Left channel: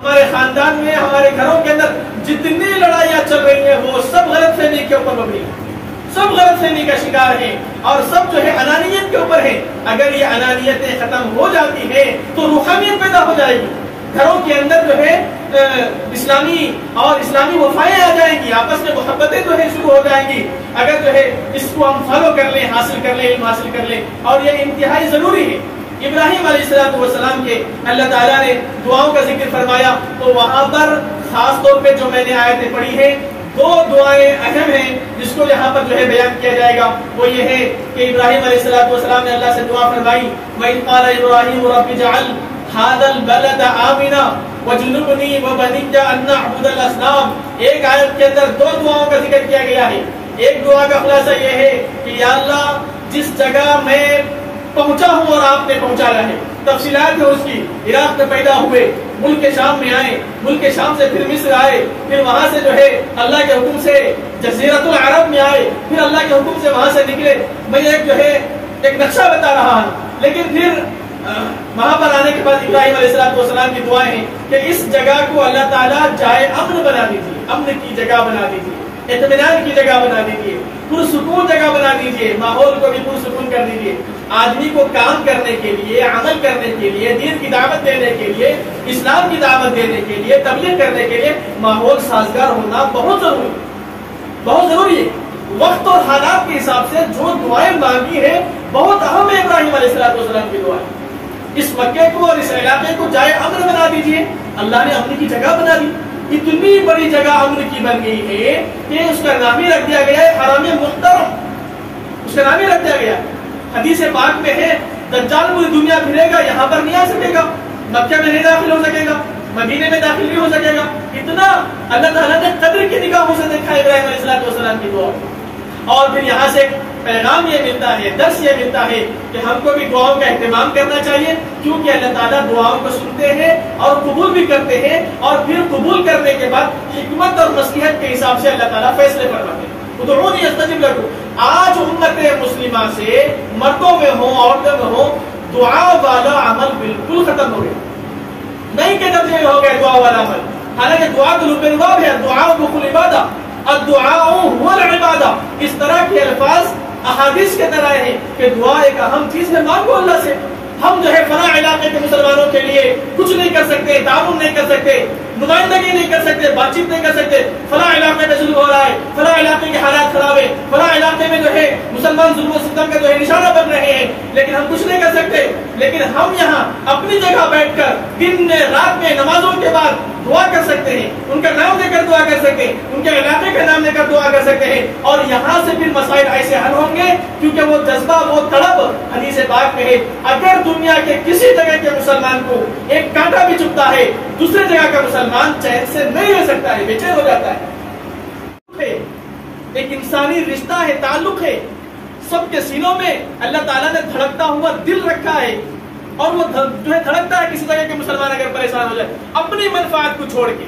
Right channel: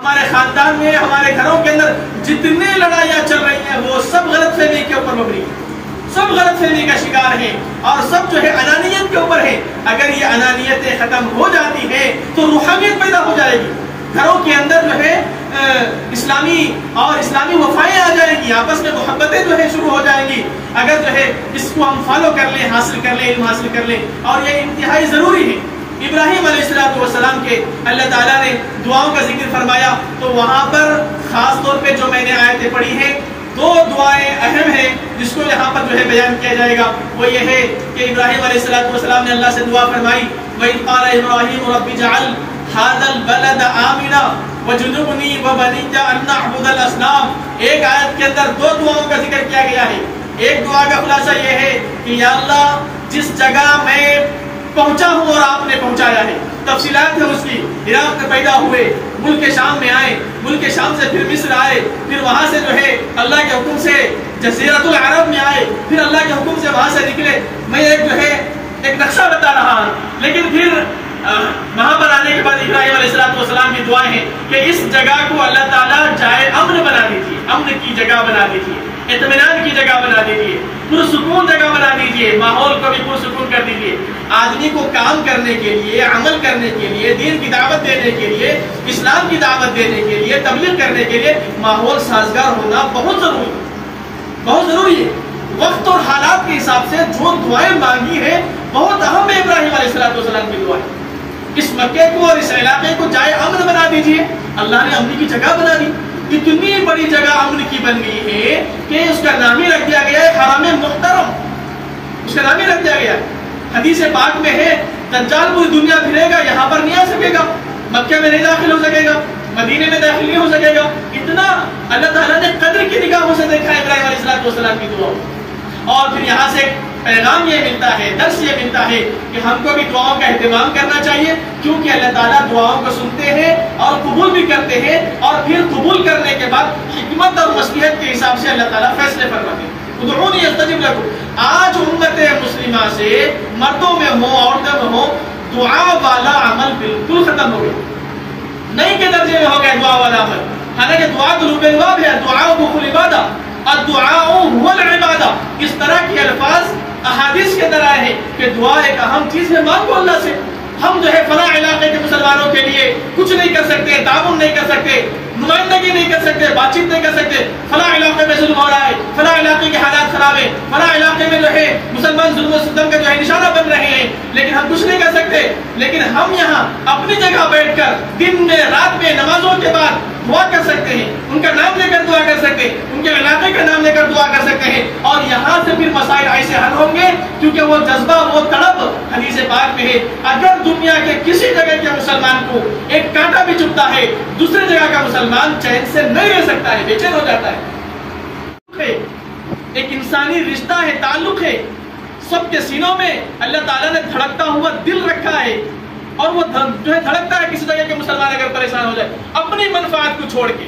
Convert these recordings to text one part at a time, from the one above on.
ہمارے خاندان میں، ہمارے گھروں کے اندر جتنی لڑائیاں چل رہی ہیں وہ سب غلط فہمی کے اوپر مبنی ہیں، سب غلط فہمی کا شکار ہیں اور سب جو ہے انانیت کے اوپر ہے۔ اگر یہ انانیتیں ختم ہو جاتی ہیں تو روحانیت پیدا ہو جائے گی، گھروں کے اندر جو ہے اسلامی وفائیں آ جائیں گی، آپس میں محبتیں جو ہے شروع ہو جائیں گی۔ اگر جو ہے اس کو ہم فالو کر لیں، حاصل کر لیں، علم حاصل کر لیں، اور یہ انتہائی ضروری ہے۔ ابراہیم علیہ السلام کے اللہ تعالیٰ نے دعاؤں کا ذکر فرمایا تو وہاں پر خاص طور پہ جو میں نے آیتیں پڑھی ہیں، دو دعائیں اہم ہیں جس کو یہاں پر جو ہے بیان کیا جائے گا۔ وہ یہ ہے کہ ابراہیم علیہ السلام نے اللہ سے دعا فرمائی، وَإِذْ قَالَ إِبْرَاهِيمُ رَبِّ اجْعَلْ هَٰذَا الْبَلَدَ آمِنًا وَاجْنُبْنِي وَبَنِيَّ أَن نَّعْبُدَ الْأَصْنَامَ۔ ایک آیت کے اندر دو دعاؤں کا ذکر کیا گیا ہے۔ ایک دعا کا خلاصہ یہ ہے کہ یا اللہ جس جگہ میں پہنچا ہوں اور آپ نے پہنچایا ہے، تفصیلات ہے اس کی، عراق میں پیدا ہوئے، ملک شام میں آئے، ملک شام سے پھر مصر آئے، پھر وہاں سے جو ہے اللہ کے حکم سے جزیرۃ العرب میں آئے، پھر اللہ کے حکم سے وہاں سے نکلے۔ میں ایک نقشہ بتا رہا ہوں، لیکن پھر وہاں پر آنے کے بعد ابراہیم علیہ السلام کی دعائیں ہیں کہ اس جگہ کو اللہ تعالیٰ جائے امن بنا دیجیے، امن کی جگہ بنا دیجیے، اطمینان کی جگہ بنا دیجیے، پرسکون جگہ بنا دیجیے، ماحول کو بھی پرسکون کر دیجیے۔ آدمی کو کام کرنے کے لیے، عمل کرنے کے لیے، دین کی دعوت دینے کے لیے، اسلام کی دعوت دینے کے لیے، تبلیغ کرنے کے لیے ماحول سازگار ہونا بہت ضروری ہے۔ وقت اور حالات کے حساب سے جو دعائیں مانگی ہیں بہت اہم ہے ابراہیم علیہ السلام کی دعائیں۔ اس مکے کو اور اس علاقے کو جائے امن بنا دیجیے، اللہ نے امن کی جگہ بنا دی۔ اتنی بڑی جگہ امن کی بن گئی ہے کہ اس کا نام ہی رکھ دیا گیا ہے حرم محترم، اس کا نام ہی رکھ دیا گیا ہے۔ حدیث پاک میں ہے دجال پوری دنیا پھرے گا، یہاں پر نہیں آ سکے گا، مکہ میں نہیں داخل ہو سکے گا، مدینے میں داخل نہیں ہو سکے گا۔ اتنا اللہ تعالیٰ نے قدر کی نگاہوں سے دیکھا ابراہیم علیہ السلام کی دعا۔ اور پھر یہاں سے پیغام یہ ملتا ہے، درس یہ ملتا ہے کہ ہم کو بھی دعاؤں کا اہتمام کرنا چاہیے، کیونکہ اللہ تعالیٰ دعاؤں کو سنتے ہیں اور قبول بھی کرتے ہیں، اور پھر قبول کرنے کے بعد حکمت اور مصلحت کے حساب سے اللہ تعالیٰ فیصلے فرماتے ہیں۔ ادعونی استجب لکم۔ آج امت مسلمہ سے مردوں میں ہوں، عورتوں میں ہوں، دعا والا عمل بالکل ختم ہو گیا، نہیں کے درجے میں ہو گیا دعا والا عمل۔ حالانکہ دعا تو لب الباب ہے، دعا مخ العبادہ، الدعاء هو العبادہ۔ اس طرح کے الفاظ احادیث کے اندر آئے ہیں کہ دعا ایک اہم چیز ہے، مانگو اللہ سے۔ ہم جو ہے فلاں علاقے کے مسلمانوں کے لیے کچھ نہیں کر سکتے، تعاون نہیں کر سکتے، نمائندگی نہیں کر سکتے، بات چیت نہیں کر سکتے، فلاں علاقے میں ظلم ہو رہا ہے، فلاں علاقے کے حالات خراب ہیں، فلاں علاقے میں جو ہے مسلمان ظلم و ستم کا جو ہے نشانہ بن رہے ہیں، لیکن ہم کچھ نہیں کر سکتے۔ لیکن ہم یہاں اپنی جگہ بیٹھ کر دن میں رات میں نمازوں کے بعد دعا کر سکتے ہیں، ان کا نام لے کر دعا کر سکتے ہیں، ان کے علاقے کا نام لے کر دعا کر سکتے ہیں، اور یہاں سے پھر مسائل ایسے حل ہوں گے کیونکہ وہ جذبہ، وہ تڑپ حدیث پاک میں ہے۔ اگر دنیا کے کسی جگہ کے مسلمان کو ایک کانٹا بھی چبھتا ہے، دوسری جگہ کا مسلمان چین سے نہیں رہ سکتا ہے، بے چین ہو جاتا ہے۔ ایک انسانی رشتہ ہے، تعلق ہے، سب کے سینوں میں اللہ تعالیٰ نے دھڑکتا ہوا دل رکھا ہے، اور وہ جو ہے دھڑکتا ہے کسی جگہ کے مسلمان اگر پریشان ہو جائے، اپنی منفعت کو چھوڑ کے،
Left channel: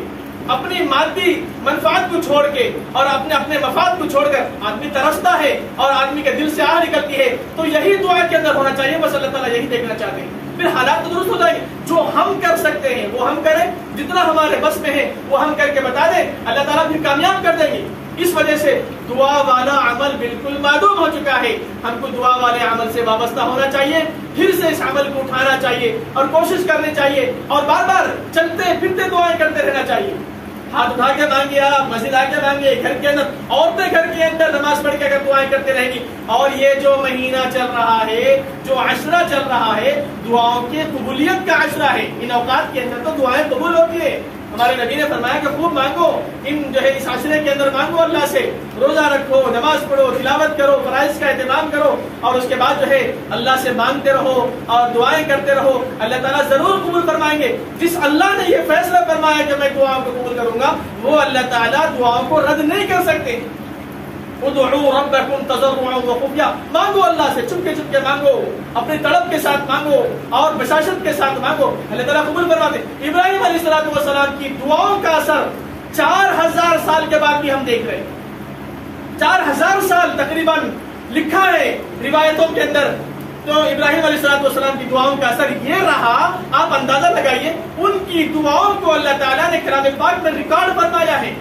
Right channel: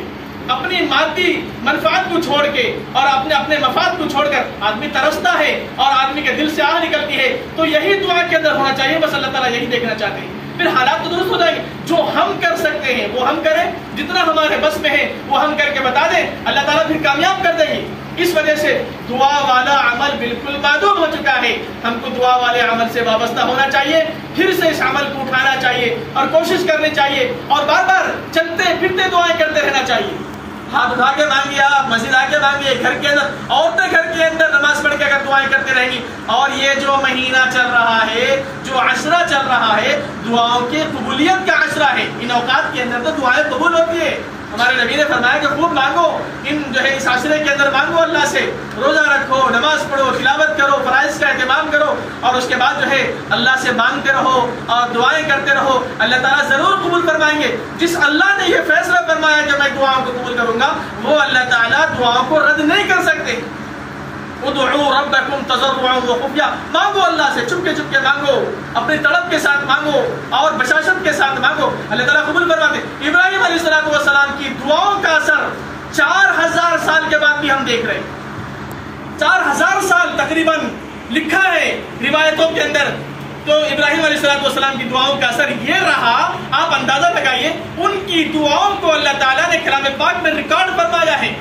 اپنی مادی منفعت کو چھوڑ کے اور اپنے مفاد کو چھوڑ کر آدمی ترستا ہے اور آدمی کے دل سے آہ نکلتی ہے، تو یہی دعا کے اندر ہونا چاہیے۔ بس اللہ تعالیٰ یہی دیکھنا چاہتے ہیں، پھر حالات تو درست ہو جائیں گے۔ جو ہم کر سکتے ہیں وہ ہم کریں، جتنا ہمارے بس میں ہے وہ ہم کر کے بتا دیں، اللہ تعالیٰ پھر کامیاب کر دیں گے۔ اس وجہ سے دعا والا عمل بالکل معدوم ہو چکا ہے۔ ہم کو دعا والے عمل سے وابستہ ہونا چاہیے، پھر سے اس عمل کو اٹھانا چاہیے اور کوشش کرنی چاہیے، اور بار بار چلتے پھرتے دعائیں کرتے رہنا چاہیے۔ ہاتھ اٹھا کے مانگیے، آپ مسجد آ کے مانگیے، گھر کے اندر عورتیں گھر کے اندر نماز پڑھ کے اگر دعائیں کرتے رہیں گی، اور یہ جو مہینہ چل رہا ہے، جو عشرہ چل رہا ہے، دعاؤں کی قبولیت کا عشرہ ہے۔ ان اوقات کے اندر تو دعائیں قبول ہوتی ہے۔ ہمارے نبی نے فرمایا کہ خوب مانگو، ان جو ہے اس عشرے کے اندر مانگو اللہ سے، روزہ رکھو، نماز پڑھو، تلاوت کرو، فرائض کا اہتمام کرو، اور اس کے بعد جو ہے اللہ سے مانگتے رہو اور دعائیں کرتے رہو، اللہ تعالیٰ ضرور قبول فرمائیں گے۔ جس اللہ نے یہ فیصلہ فرمایا کہ میں دعاؤں کو قبول کروں گا، وہ اللہ تعالیٰ دعاؤں کو رد نہیں کر سکتے۔ ادعوا ربکم تضرعا وخفیا، مانگو اللہ سے چپکے چپکے مانگو، اپنی تڑپ کے ساتھ مانگو اور بشاشت کے ساتھ مانگو، اللہ تعالیٰ قبول فرماتے۔ ابراہیم علیہ السلام کی دعاؤں کا اثر 4000 سال کے بعد بھی ہم دیکھ رہے ہیں۔ 4000 سال تقریباً لکھا ہے روایتوں کے اندر، تو ابراہیم علیہ السلام کی دعاؤں کا اثر یہ رہا۔ آپ آپ اندازہ لگائیے ان کی دعاؤں کو اللہ تعالیٰ نے کلام پاک میں ریکارڈ فرمایا ہے،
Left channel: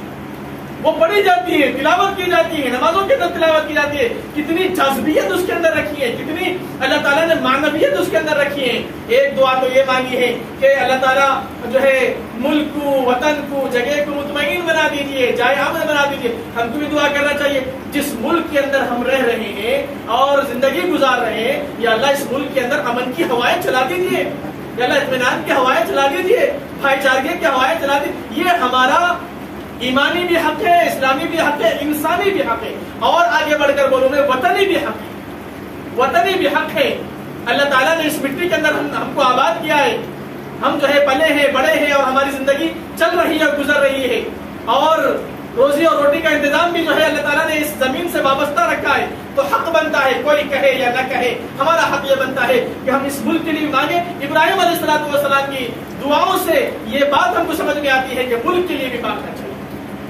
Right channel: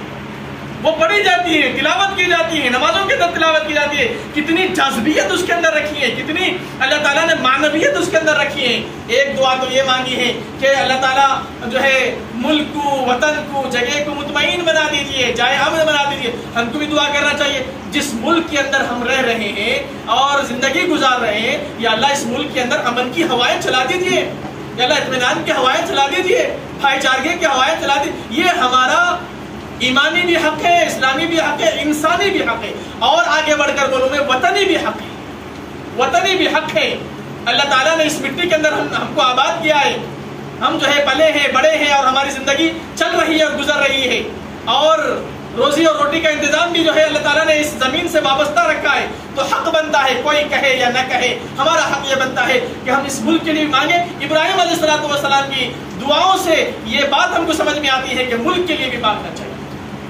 وہ پڑھی جاتی ہے، تلاوت کی جاتی ہے، نمازوں کے اندر تلاوت کی جاتی ہے، کتنی جذبیت اس کے اندر رکھی ہے، کتنی اللہ تعالیٰ نے معنویت اس کے اندر رکھی ہے۔ ایک دعا تو یہ مانگی ہے کہ اللہ تعالیٰ جو ہے ملک کو، وطن کو، جگہ کو مطمئن بنا دیجیے، جائے امن بنا دیجیے۔ ہم کو بھی دعا کرنا چاہیے جس ملک کے اندر ہم رہ رہے ہیں اور زندگی گزار رہے ہیں، یا اللہ اس ملک کے اندر امن کی ہوائیں چلا دیجیے، یا اللہ اطمینان کی ہوائیں چلا دیجیے، بھائی چارگی کی ہوائیں چلا دیجیے۔ یہ ہمارا ایمانی بھی حق ہے، اسلامی بھی حق ہے، انسانی بھی حق ہے، اور آگے بڑھ کر بولوں میں وطنی بھی حق ہے، وطنی بھی حق ہے۔ اللہ تعالیٰ نے اس مٹی کے اندر ہم کو آباد کیا ہے، ہم جو ہے پلے ہیں، بڑے ہیں، اور ہماری زندگی چل رہی ہے اور گزر رہی ہے، اور روزی اور روٹی کا انتظام بھی جو ہے اللہ تعالیٰ نے اس زمین سے وابستہ رکھا ہے۔ تو حق بنتا ہے، کوئی کہے یا نہ کہے، ہمارا حق یہ بنتا ہے کہ ہم اس ملک کے لیے مانگیں۔ ابراہیم علیہ السلام کی دعاؤں سے یہ بات ہم کو سمجھ میں آتی ہے کہ ملک کے لیے بھی مانگنا چاہیے،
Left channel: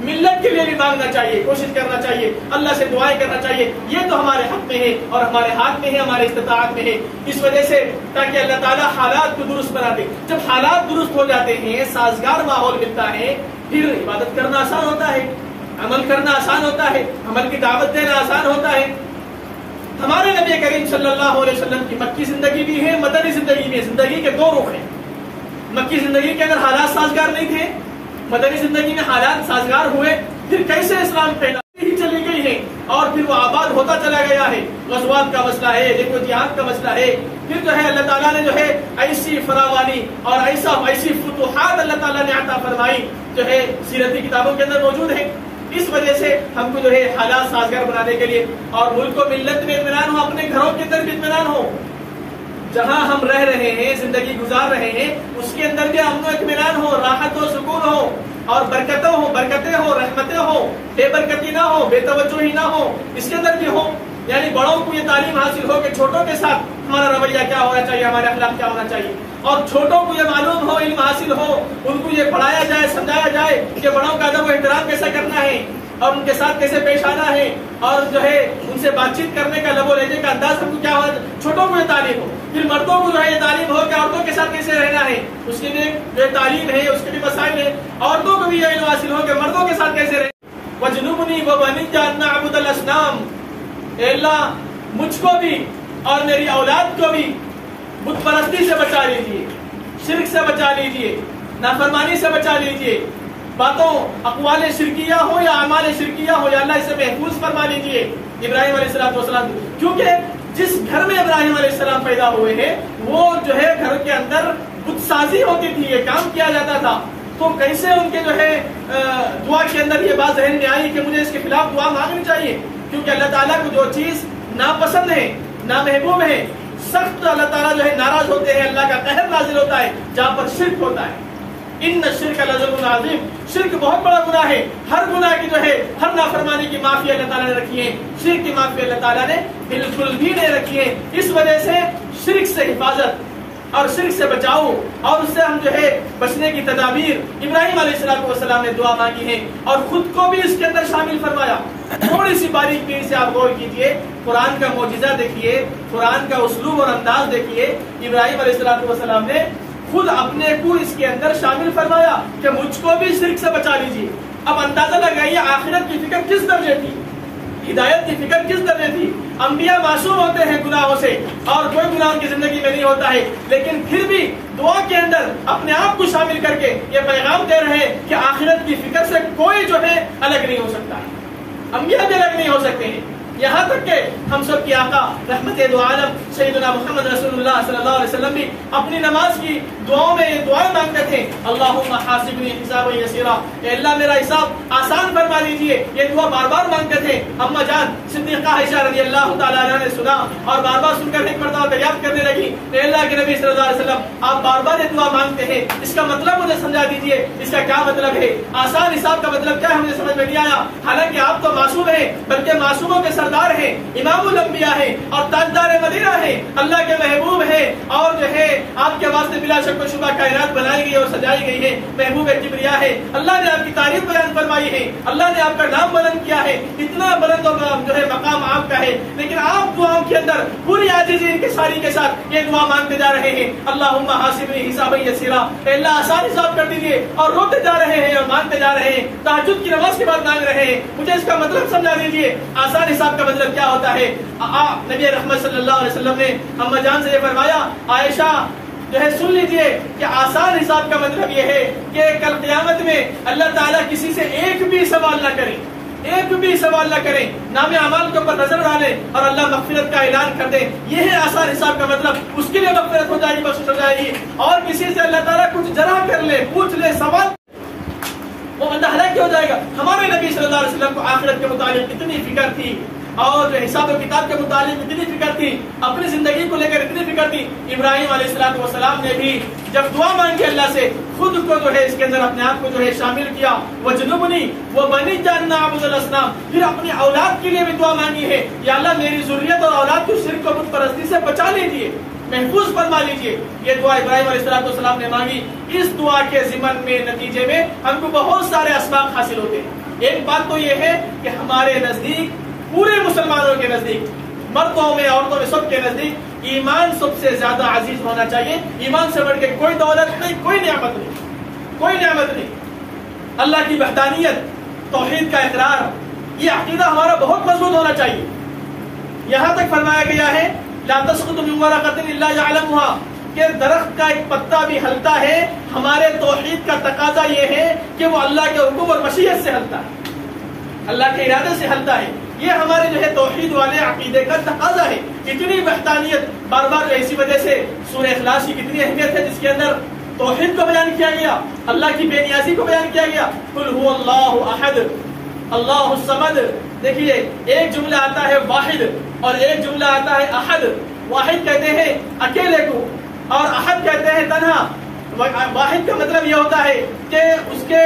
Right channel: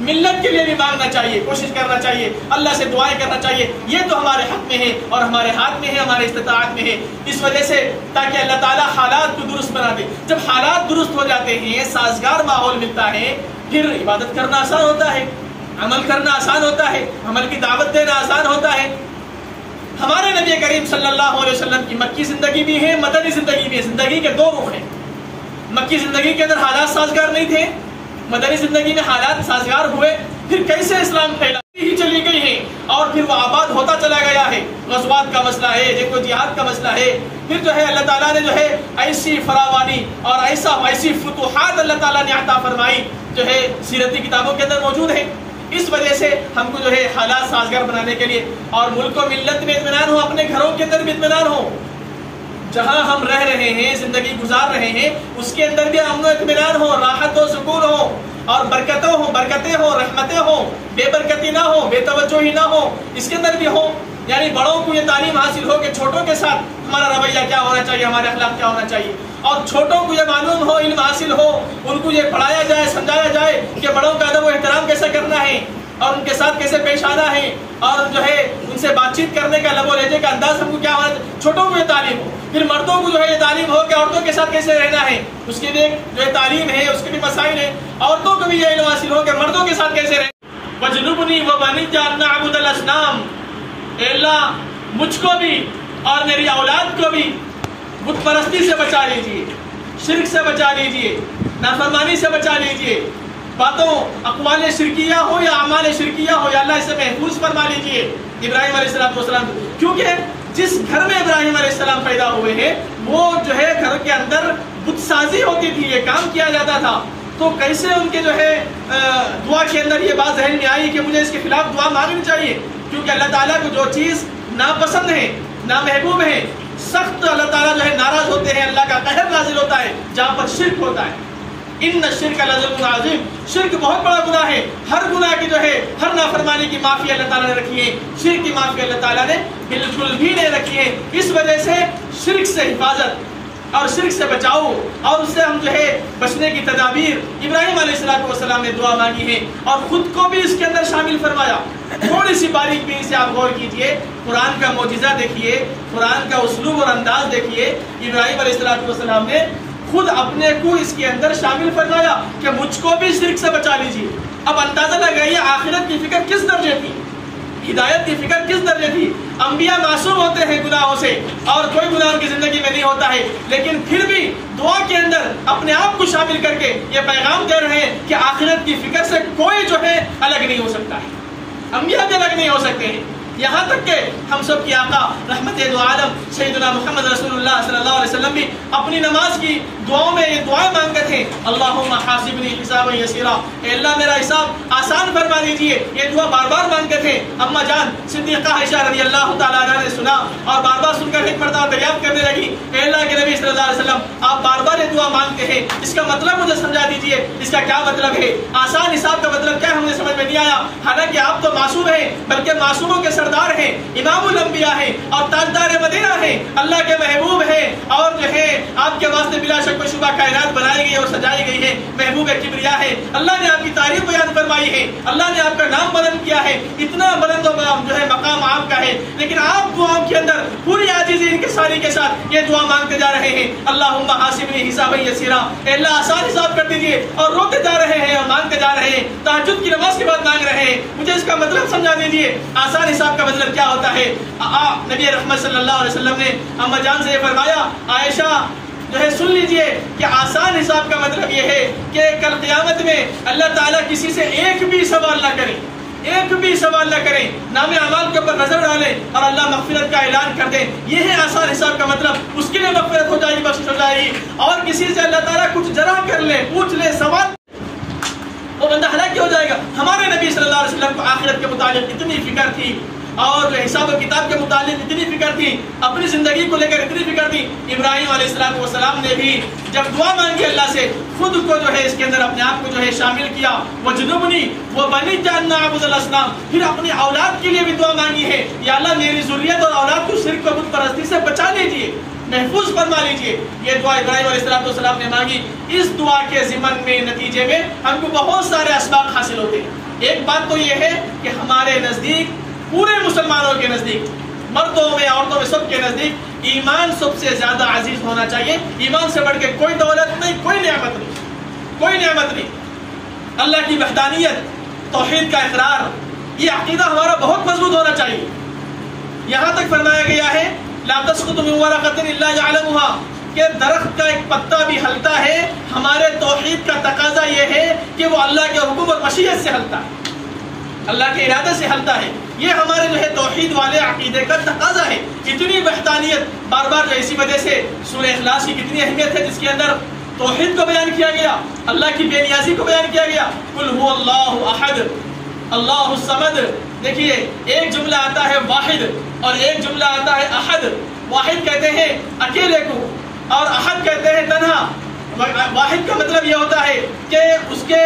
ملت کے لیے بھی مانگنا چاہیے، کوشش کرنا چاہیے، اللہ سے دعائیں کرنا چاہیے۔ یہ تو ہمارے حق میں ہے اور ہمارے ہاتھ میں ہے، ہمارے استطاعت میں ہے، اس وجہ سے تاکہ اللہ تعالیٰ حالات کو درست بنا دے۔ جب حالات درست ہو جاتے ہیں، سازگار ماحول ملتا ہے، پھر عبادت کرنا آسان ہوتا ہے، عمل کرنا آسان ہوتا ہے، عمل کی دعوت دینا آسان ہوتا ہے۔ ہمارے نبی کریم صلی اللہ علیہ وسلم کی مکی زندگی بھی ہے، مدنی زندگی بھی ہے، زندگی کے دو رخ ہیں۔ مکی زندگی کے اندر حالات سازگار نہیں تھے، مدنی زندگی میں حالات سازگار ہوئے، پھر کیسے اسلام پھیلا ہی چلی گئی ہے اور پھر وہ آباد ہوتا چلا گیا ہے۔ غزوات کا مسئلہ ہے، دیکھو جہاد کا مسئلہ ہے، پھر جو ہے اللہ تعالیٰ نے جو ہے ایسی فراوانی اور ایسی فتوحات اللہ تعالیٰ نے عطا فرمائی جو ہے سیرتی کتابوں کے اندر موجود ہے۔ اس وجہ سے ہم کو جو ہے حالات سازگار بنانے کے لیے اور ملک و ملت میں اطمینان ہو، اپنے گھروں کے اندر بھی اطمینان ہو، جہاں ہم رہ رہے ہیں، زندگی گزار رہے ہیں، اس کے اندر بھی امن و اطمینان ہو، راحت و سکون ہو، اور برکتیں ہو، رحمتیں ہو، بے برکتی نہ ہو، بے توجہی نہ ہو، اس کے اندر بھی ہو۔ یعنی بڑوں کو یہ تعلیم حاصل ہو کہ چھوٹوں کے ساتھ ہمارا رویہ کیا ہونا چاہیے، ہمارے اخلاق کیا ہونا چاہیے، اور چھوٹوں کو یہ معلوم ہو، علم حاصل ہو، ان کو یہ پڑھایا جائے، سمجھایا جائے کہ بڑوں کا ادب و احترام کیسے کرنا ہے اور ان کے ساتھ کیسے پیش آنا ہے، اور جو ہے ان سے بات چیت کرنے کا لب و لہجے کا انداز ہم کو کیا ہونا ہے، چھوٹوں کو یہ تعلیم ہو۔ پھر مردوں کو جو ہے یہ تعلیم ہو کہ عورتوں کے ساتھ کیسے رہنا ہے، اس کی بھی جو ہے تعلیم ہے، اس کے بھی مسائل ہیں۔ عورتوں کو بھی یہ علم حاصل ہو کہ مردوں کے ساتھ کیسے رہیں۔ وَجُنُوبُنِي وَبَنِيَّ أَن نَّعْبُدَ الْأَصْنَامَ، اے اللہ مجھ کو بھی اور میری اولاد کو بھی بت پرستی سے بچا لیجیے، شرک سے بچا لیجیے، نافرمانی سے بچا لیجیے، باتوں اقوال شرکیہ ہو یا اعمال شرکیہ ہو، یا اللہ اسے محفوظ فرما لیجیے ابراہیم علیہ السلام کو۔ کیونکہ جس گھر میں ابراہیم علیہ السلام پیدا ہوئے ہیں وہ جو ہے گھر کے اندر بت سازی ہوتی تھی، یہ کام کیا جاتا تھا، تو کیسے ان کے جو ہے دعا کے اندر یہ بات ذہن میں آئی کہ مجھے اس کے خلاف دعا مانگنی چاہیے، کیونکہ اللہ تعالیٰ کو جو چیز ناپسند ہے، نامحبوب ہے، سخت اللہ تعالیٰ جو ہے ناراض ہوتے ہیں، اللہ کا قہر نازل ہوتا ہے جہاں پر شرک ہوتا ہے۔ ان الشرک لظلم عظیم، شرک بہت بڑا گناہ ہے، ہر گناہ کی جو ہے ہر نافرمانی کی معافی اللہ تعالیٰ نے رکھی ہے، شرک کی معافی اللہ تعالیٰ نے بالکل بھی نہیں رکھی ہے۔ اس وجہ سے شرک سے حفاظت اور شرک سے بچاؤ اور اس سے ہم جو ہے بچنے کی تدابیر ابراہیم علیہ السلام نے دعا مانگی ہے اور خود کو بھی اس کے اندر شامل فرمایا۔ تھوڑی سی باریک بینی سے آپ غور کیجئے، قرآن کا معجزہ دیکھیے، قرآن کا اسلوب اور انداز دیکھیے، ابراہیم علیہ السلام نے خود اپنے کو اس کے اندر شامل فرمایا کہ مجھ کو بھی شرک سے بچا لیجیے۔ اب اندازہ لگائیے آخرت کی فکر کس درجے تھی، ہدایت کی فکر کس درجے تھی۔ انبیاء معصوم ہوتے ہیں گناہوں سے اور کوئی گناہ ان کی زندگی میں نہیں ہوتا ہے، لیکن پھر بھی دعا کے اندر اپنے آپ کو شامل کر کے یہ پیغام دے رہے ہیں کہ آخرت کی فکر سے کوئی جو ہے الگ نہیں ہو سکتا ہے، انبیاء بھی الگ نہیں ہو سکتے ہیں۔ یہاں تک کہ ہم سب کی آقا رحمت دو عالم سیدنا محمد رسول اللہ صلی اللہ علیہ وسلم بھی اپنی نماز کی دعاؤں میں یہ دعائیں مانگتے تھے، اللہم حاسبنی حسابا یسیرا، اے اللہ میرا حساب آسان فرما دیجیے۔ یہ دعا بار بار مانگتے تھے۔ اما جان صدیقہ عائشہ رضی اللہ تعالیٰ عنہ نے سنا اور بار بار سن کر ایک مرتبہ دریافت کرنے لگی، اے اللہ کے نبی صلی اللہ علیہ وسلم آپ بار بار یہ دعا مانگتے ہیں، اس کا مطلب مجھے سمجھا دیجیے، اس کا کیا مطلب ہے؟ آسان حساب کا مطلب کیا ہے مجھے سمجھ میں نہیں آیا، حالانکہ آپ تو معصوم ہیں، بلکہ معصوموں کے سر سردار ہیں، امام الانبیاء ہیں اور تاجدار مدینہ ہیں، اللہ کے محبوب ہیں، اور جو ہے آپ کے واسطے بلا شک و شبہ کائنات بنائی گئی اور سجائی گئی ہے، محبوب کبریا ہے، اللہ نے آپ کی تعریف بیان فرمائی ہے، اللہ نے آپ کا نام بلند کیا ہے، اتنا بلند جو ہے مقام آپ کا ہے، لیکن آپ دعاؤں کے اندر پوری عاجزی انکساری کے ساتھ یہ دعا مانگتے جا رہے ہیں، اللہم حاسبنی حسابا یسیرا، اے اللہ آسان حساب کر دیجیے، اور روتے جا رہے ہیں اور مانگتے جا رہے ہیں، تہجد کی نماز کے بعد مانگ رہے ہیں، مجھے اس کا مطلب سمجھا دیجیے، آسان حساب کا مطلب کیا ہوتا ہے؟ نبی رحمت صلی اللہ علیہ وسلم نے اما جان سے یہ فرمایا، عائشہ جو ہے سن لیجئے کہ آسان حساب کا مطلب یہ ہے کہ کل قیامت میں اللہ تعالیٰ کسی سے ایک بھی سوال نہ کرے، ایک بھی سوال نہ کریں، نام اعمال کے اوپر نظر ڈالیں اور اللہ مغفرت کا اعلان کر دیں، یہ ہے آسان حساب کا مطلب، اس کے لیے مغفرت ہو جائے گی، بخشش ہو جائے گی، اور کسی سے اللہ تعالیٰ کچھ ذرا کر لے، پوچھ لے، سوال، وہ بندہ ہلاک ہو جائے گا۔ ہمارے نبی صلی اللہ علیہ وسلم کو آخرت کے متعلق اتنی فکر تھی، اور حساب و کتاب کے متعلق اتنی فکر تھی، اپنی زندگی کو لے کر اتنی فکر تھی، ابراہیم علیہ السلام نے بھی جب دعا مانگی اللہ سے، خود کو جو ہے اس کے اندر اپنے آپ کو جو ہے شامل کیا، وَجْنُبْنِي وَبَنِيَّ أَن نَّعْبُدَ الْأَصْنَامَ، پھر اپنی اولاد کے لیے بھی دعا مانگی ہے، یا اللہ میری ذریت اور اولاد کو شرک و بت پرستی سے بچا لیجیے، محفوظ فرما لیجیے، یہ دعا ابراہیم علیہ السلام نے مانگی۔ اس دعا کے ضمن میں نتیجے میں ہم کو بہت سارے اسباق حاصل ہوتے ہیں۔ ایک بات تو یہ ہے کہ ہمارے نزدیک، پورے مسلمانوں کے نزدیک، مردوں میں عورتوں میں سب کے نزدیک ایمان سب سے زیادہ عزیز ہونا چاہیے، ایمان سے بڑھ کے کوئی دولت نہیں، کوئی نعمت نہیں، کوئی نعمت نہیں۔ اللہ کی وحدانیت، توحید کا اقرار، یہ عقیدہ ہمارا بہت مضبوط ہونا چاہیے۔ یہاں تک فرمایا گیا ہے لا تسقط من ورقۃ الا يعلمها، کہ درخت کا ایک پتا بھی ہلتا ہے، ہمارے توحید کا تقاضا یہ ہے کہ وہ اللہ کے حکم اور مشیت سے ہلتا ہے، اللہ کے ارادے سے ہلتا ہے، یہ ہمارے جو ہے توحید والے عقیدے کا تقاضا ہے۔ اتنی وحدانیت، بار بار جو اسی وجہ سے سورہ اخلاص کی کتنی اہمیت ہے، جس کے اندر توحید کو بیان کیا گیا، اللہ کی بے نیازی کو بیان کیا گیا، قل هو اللہ احد اللہ الصمد۔ دیکھیے ایک جملہ آتا ہے واحد اور ایک جملہ آتا ہے احد۔ واحد کہتے ہیں اکیلے کو اور احد کہتے ہیں تنہا۔ واحد کا مطلب یہ ہوتا ہے کہ اس کے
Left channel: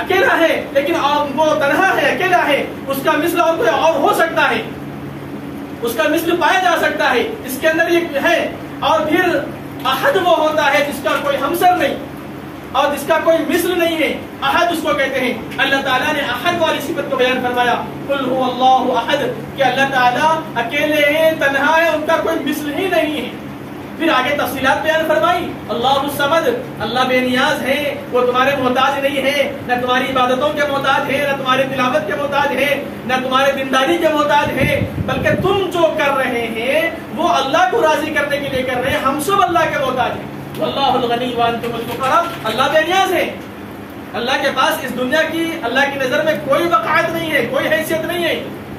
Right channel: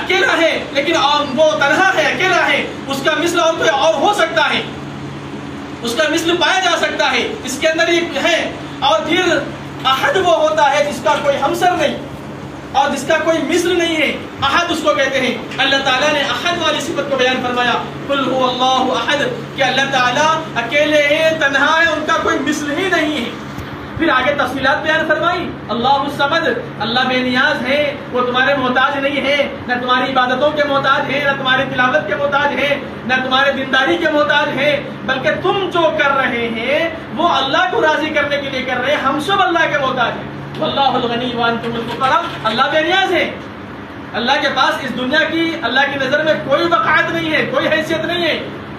اکیلا ہے لیکن وہ تنہا ہے، اکیلا ہے، اس کا مثل اور کوئی اور ہو سکتا ہے، اس کا مثل پایا جا سکتا ہے، اس کے اندر یہ ہے۔ اور پھر احد وہ ہوتا ہے جس کا کوئی ہمسر نہیں اور جس کا کوئی مثل نہیں ہے، احد اس کو کہتے ہیں۔ اللہ تعالیٰ نے احد والی صفت کو بیان فرمایا، قل هو اللہ احد، کہ اللہ تعالیٰ اکیلے ہیں، تنہا ہے، ان کا کوئی مثل ہی نہیں ہے۔ پھر آگے تفصیلات بیان فرمائی، اللہ الصمد، اللہ بے نیاز ہے، وہ تمہارے محتاج نہیں ہے، نہ تمہاری عبادتوں کے محتاج ہے، نہ تمہاری تلاوت کے محتاج ہے، نہ تمہارے دینداری کے محتاج ہے، بلکہ تم جو کر رہے ہیں وہ اللہ کو راضی کرنے کے لیے کر رہے ہیں، ہم سب اللہ کے محتاج ہیں۔ واللہ الغنی وانتم الفقراء، اللہ بے نیاز ہے، اللہ کے پاس اس دنیا کی، اللہ کی نظر میں کوئی وقعت نہیں ہے، کوئی حیثیت نہیں ہے،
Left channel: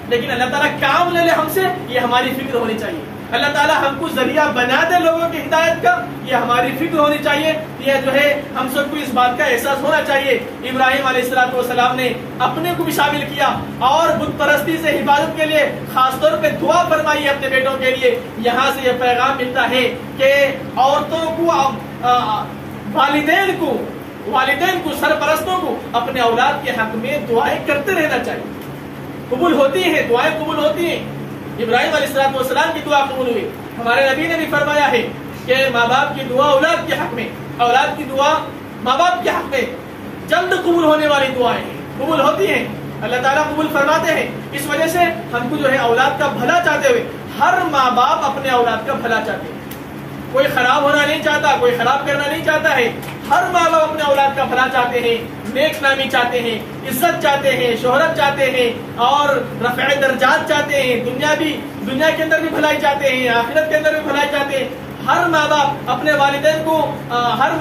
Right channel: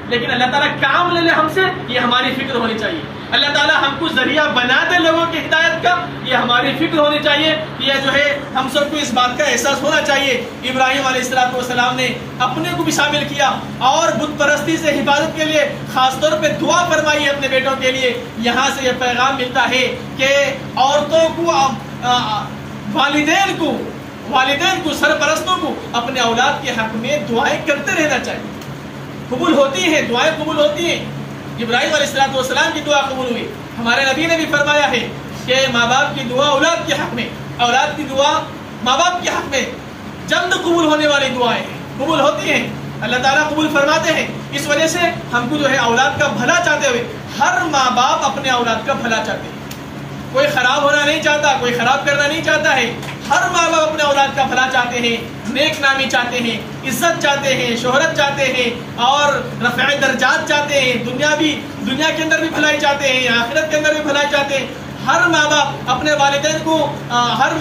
لیکن اللہ تعالیٰ کام لے لے ہم سے، یہ ہماری فکر ہونی چاہیے۔ اللہ تعالیٰ ہم کو ذریعہ بنا دے لوگوں کی ہدایت کا، یہ ہماری فکر ہونی چاہیے، یہ جو ہے ہم سب کو اس بات کا احساس ہونا چاہیے۔ ابراہیم علیہ السلام نے اپنے کو بھی شامل کیا اور بت پرستی سے حفاظت کے لیے خاص طور پہ دعا فرمائی اپنے بیٹوں کے لیے۔ یہاں سے یہ پیغام ملتا ہے کہ عورتوں کو، والدین کو، سرپرستوں کو اپنے اولاد کے حق میں دعائیں کرتے رہنا چاہیے، قبول ہوتی ہیں، دعائیں قبول ہوتی ہیں۔ ابراہیم علیہ السلام کی دعا قبول ہوئی۔ ہمارے نبی نے بھی فرمایا ہے کہ ماں باپ کی دعا اولاد کے حق میں، اولاد کی دعا ماں باپ کے حق میں جلد قبول ہونے والی دعائیں قبول ہوتی ہیں، اللہ تعالیٰ قبول فرماتے ہیں۔ اس وجہ سے ہم کو جو ہے اولاد کا بھلا چاہتے ہوئے، ہر ماں باپ اپنے اولاد کا بھلا چاہتے ہیں، کوئی خراب ہونا نہیں چاہتا، کوئی خراب کرنا نہیں چاہتا ہے، ہر ماں باپ اپنے اولاد کا بھلا چاہتے ہیں، نیک نامی چاہتے ہیں، عزت چاہتے ہیں، شہرت چاہتے ہیں اور رفع درجات چاہتے ہیں، دنیا کے اندر بھی بھلائی چاہتے ہیں، آخرت کے اندر بھی بھلائی چاہتے ہیں۔ ہر ماں باپ اپنے والدین کو، ہر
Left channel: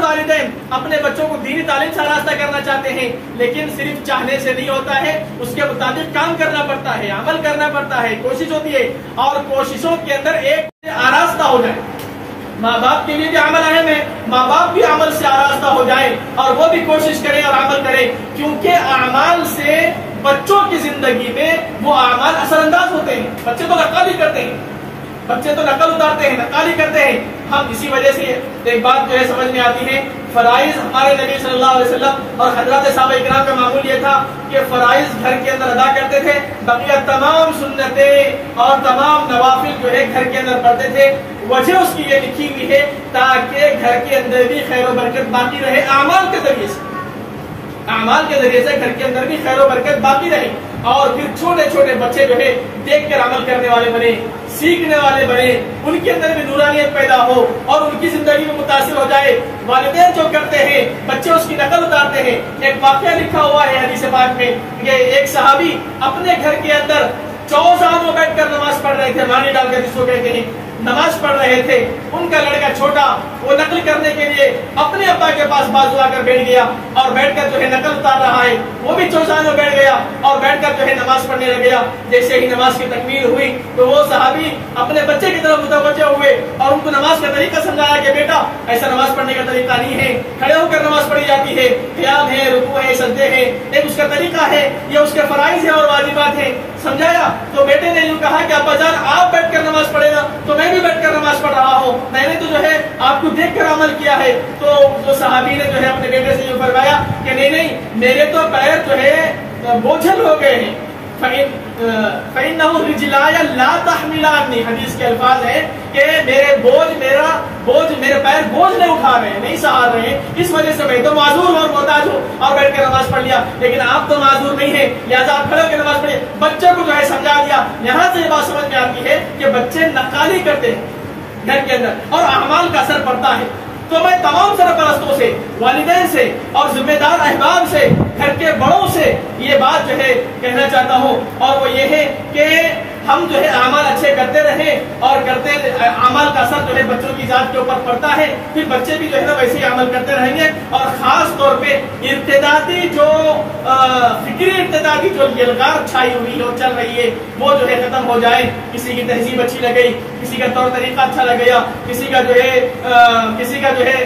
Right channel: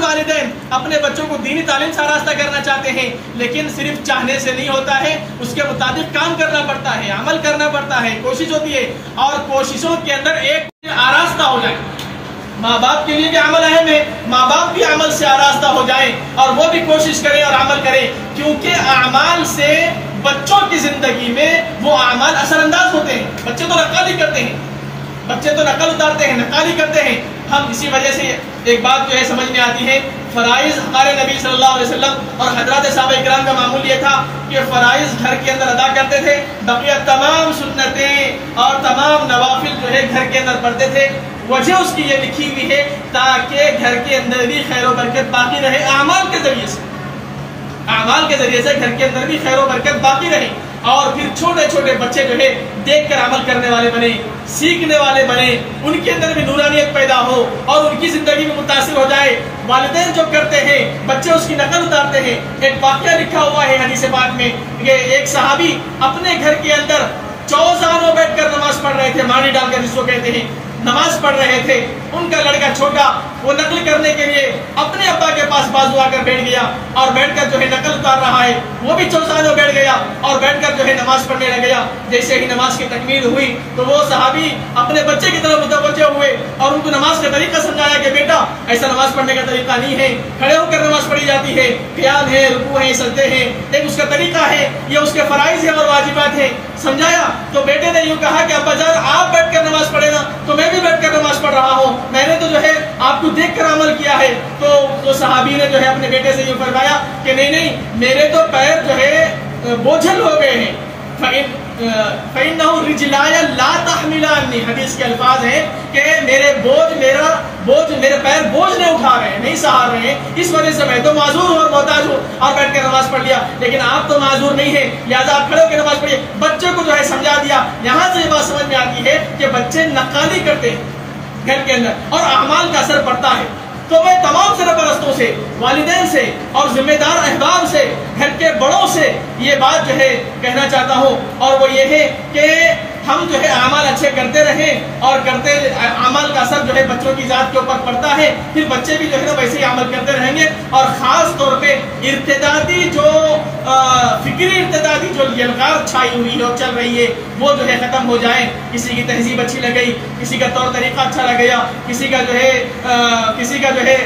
والدین اپنے بچوں کو دینی تعلیم سے آراستہ کرنا چاہتے ہیں، لیکن صرف چاہنے سے نہیں ہوتا ہے، اس کے مطابق کام کرنا پڑتا ہے، عمل کرنا پڑتا ہے، کوشش ہوتی ہے، اور کوششوں کے اندر ایک آراستہ ہو جائے۔ ماں باپ کے لیے بھی عمل اہم ہے، ماں باپ بھی عمل سے آراستہ ہو جائیں اور وہ بھی کوشش کریں اور عمل کریں، کیونکہ اعمال سے بچوں کی زندگی میں وہ اعمال اثر انداز ہوتے ہیں۔ بچے تو نقالی کرتے ہیں، بچے تو نقل اتارتے ہیں، نقالی کرتے ہیں۔ ہم اسی وجہ سے ایک بات جو ہے سمجھ میں آتی ہے، فرائض ہمارے نبی صلی اللہ علیہ وسلم اور حضرات صحابہ اکرام کا معمول یہ تھا کہ فرائض گھر کے اندر ادا کرتے تھے، بقیہ تمام سنتیں اور تمام نوافل جو ہے گھر کے اندر پڑھتے تھے۔ وجہ اس کی یہ لکھی ہوئی ہے تاکہ گھر کے اندر بھی خیر و برکت باقی رہے، اعمال کے ذریعے سے، اعمال کے ذریعے سے گھر کے اندر بھی خیر و برکت باقی رہے، اور پھر چھوٹے چھوٹے بچے جو ہے دیکھ کر عمل کرنے والے بنے، سیکھنے والے بنے، ان کے اندر بھی نورانیت پیدا ہو اور ان کی زندگی میں متاثر ہو جائے۔ والدین جو کرتے ہیں بچے اس کی نقل اتارتے ہیں۔ ایک واقعہ لکھا ہوا ہے حدیث پاک میں کہ ایک صحابی اپنے گھر کے اندر چوزانوں میں بیٹھ کر نماز پڑھ رہے تھے، مانی ڈال کر جس کو کہتے ہیں، نماز پڑھ رہے تھے۔ ان کا لڑکا چھوٹا وہ نقل کرنے کے لیے اپنے ابا کے پاس بازو آ کر بیٹھ گیا اور بیٹھ کر جو ہے نقل اتار رہا ہے، وہ بھی چوزانوں بیٹھ گیا اور بیٹھ کر جو ہے نماز پڑھنے لگ گیا۔ جیسے ہی نماز کی تکمیل ہوئی تو وہ صحابی اپنے بچے کی طرف متوجہ ہوئے اور ان کو نماز کا طریقہ سمجھایا کہ بیٹا ایسا نماز پڑھنے کا طریقہ نہیں ہے، کھڑے ہو کر نماز پڑھی جاتی ہے، قیام ہے، رکوع ہے، سجدے ہیں، ایک اس کا طریقہ ہے، یہ اس کے فرائض ہیں اور واجبات ہیں۔ سمجھایا تو بیٹے نے یوں کہا کہ ابا جان آپ بیٹھ کر نماز پڑھے نا، تو میں بھی بیٹھ کر نماز پڑھ رہا ہوں، میں نے تو جو ہے آپ کو دیکھ کر عمل کیا ہے۔ تو صحابی نے جو ہے اپنے بیٹے سے یہ فرمایا کہ نہیں نہیں، میرے تو پیر جو ہے بوجھل ہو گئے ہیں، فَإِنَّهُ رِجْلَايَ لَا تَحْمِلَانِّ، حدیث کے الفاظ ہیں کہ میرے پیر بوجھ نہیں اٹھا رہے ہیں، نہیں سہار رہے ہیں، اس وجہ سے میں تو معذور ہوں اور محتاج ہوں اور بیٹھ کر نماز پڑھ لیا، لیکن آپ تو معذور نہیں ہیں، لہٰذا آپ کھڑے ہو کے نماز پڑھیے۔ بچے کو جو ہے سمجھا دیا۔ یہاں سے یہ بات سمجھ میں آتی ہے کہ بچے نقالی کرتے ہیں گھر کے اندر اور اعمال کا اثر پڑتا ہے۔ تو میں تمام سرپرستوں سے، والدین سے اور ذمہ دار احباب سے، گھر کے بڑوں سے یہ بات جو ہے کہنا چاہتا ہوں، اور وہ یہ ہے کہ ہم جو ہے اعمال اچھے کرتے رہیں اور کرتے اعمال کا اثر جو ہے بچوں کی ذات کے اوپر پڑتا ہے، پھر بچے بھی جو ہے نا ویسے ہی عمل کرتے رہیں گے، اور خاص طور پہ ارتدادی جو فکری ارتدادی جو یلغار چھائی ہوئی ہے اور چل رہی ہے وہ جو ہے ختم ہو جائے۔ کسی کی تہذیب اچھی لگ گئی، کسی کا طور طریقہ اچھا لگ گیا، کسی کا جو ہے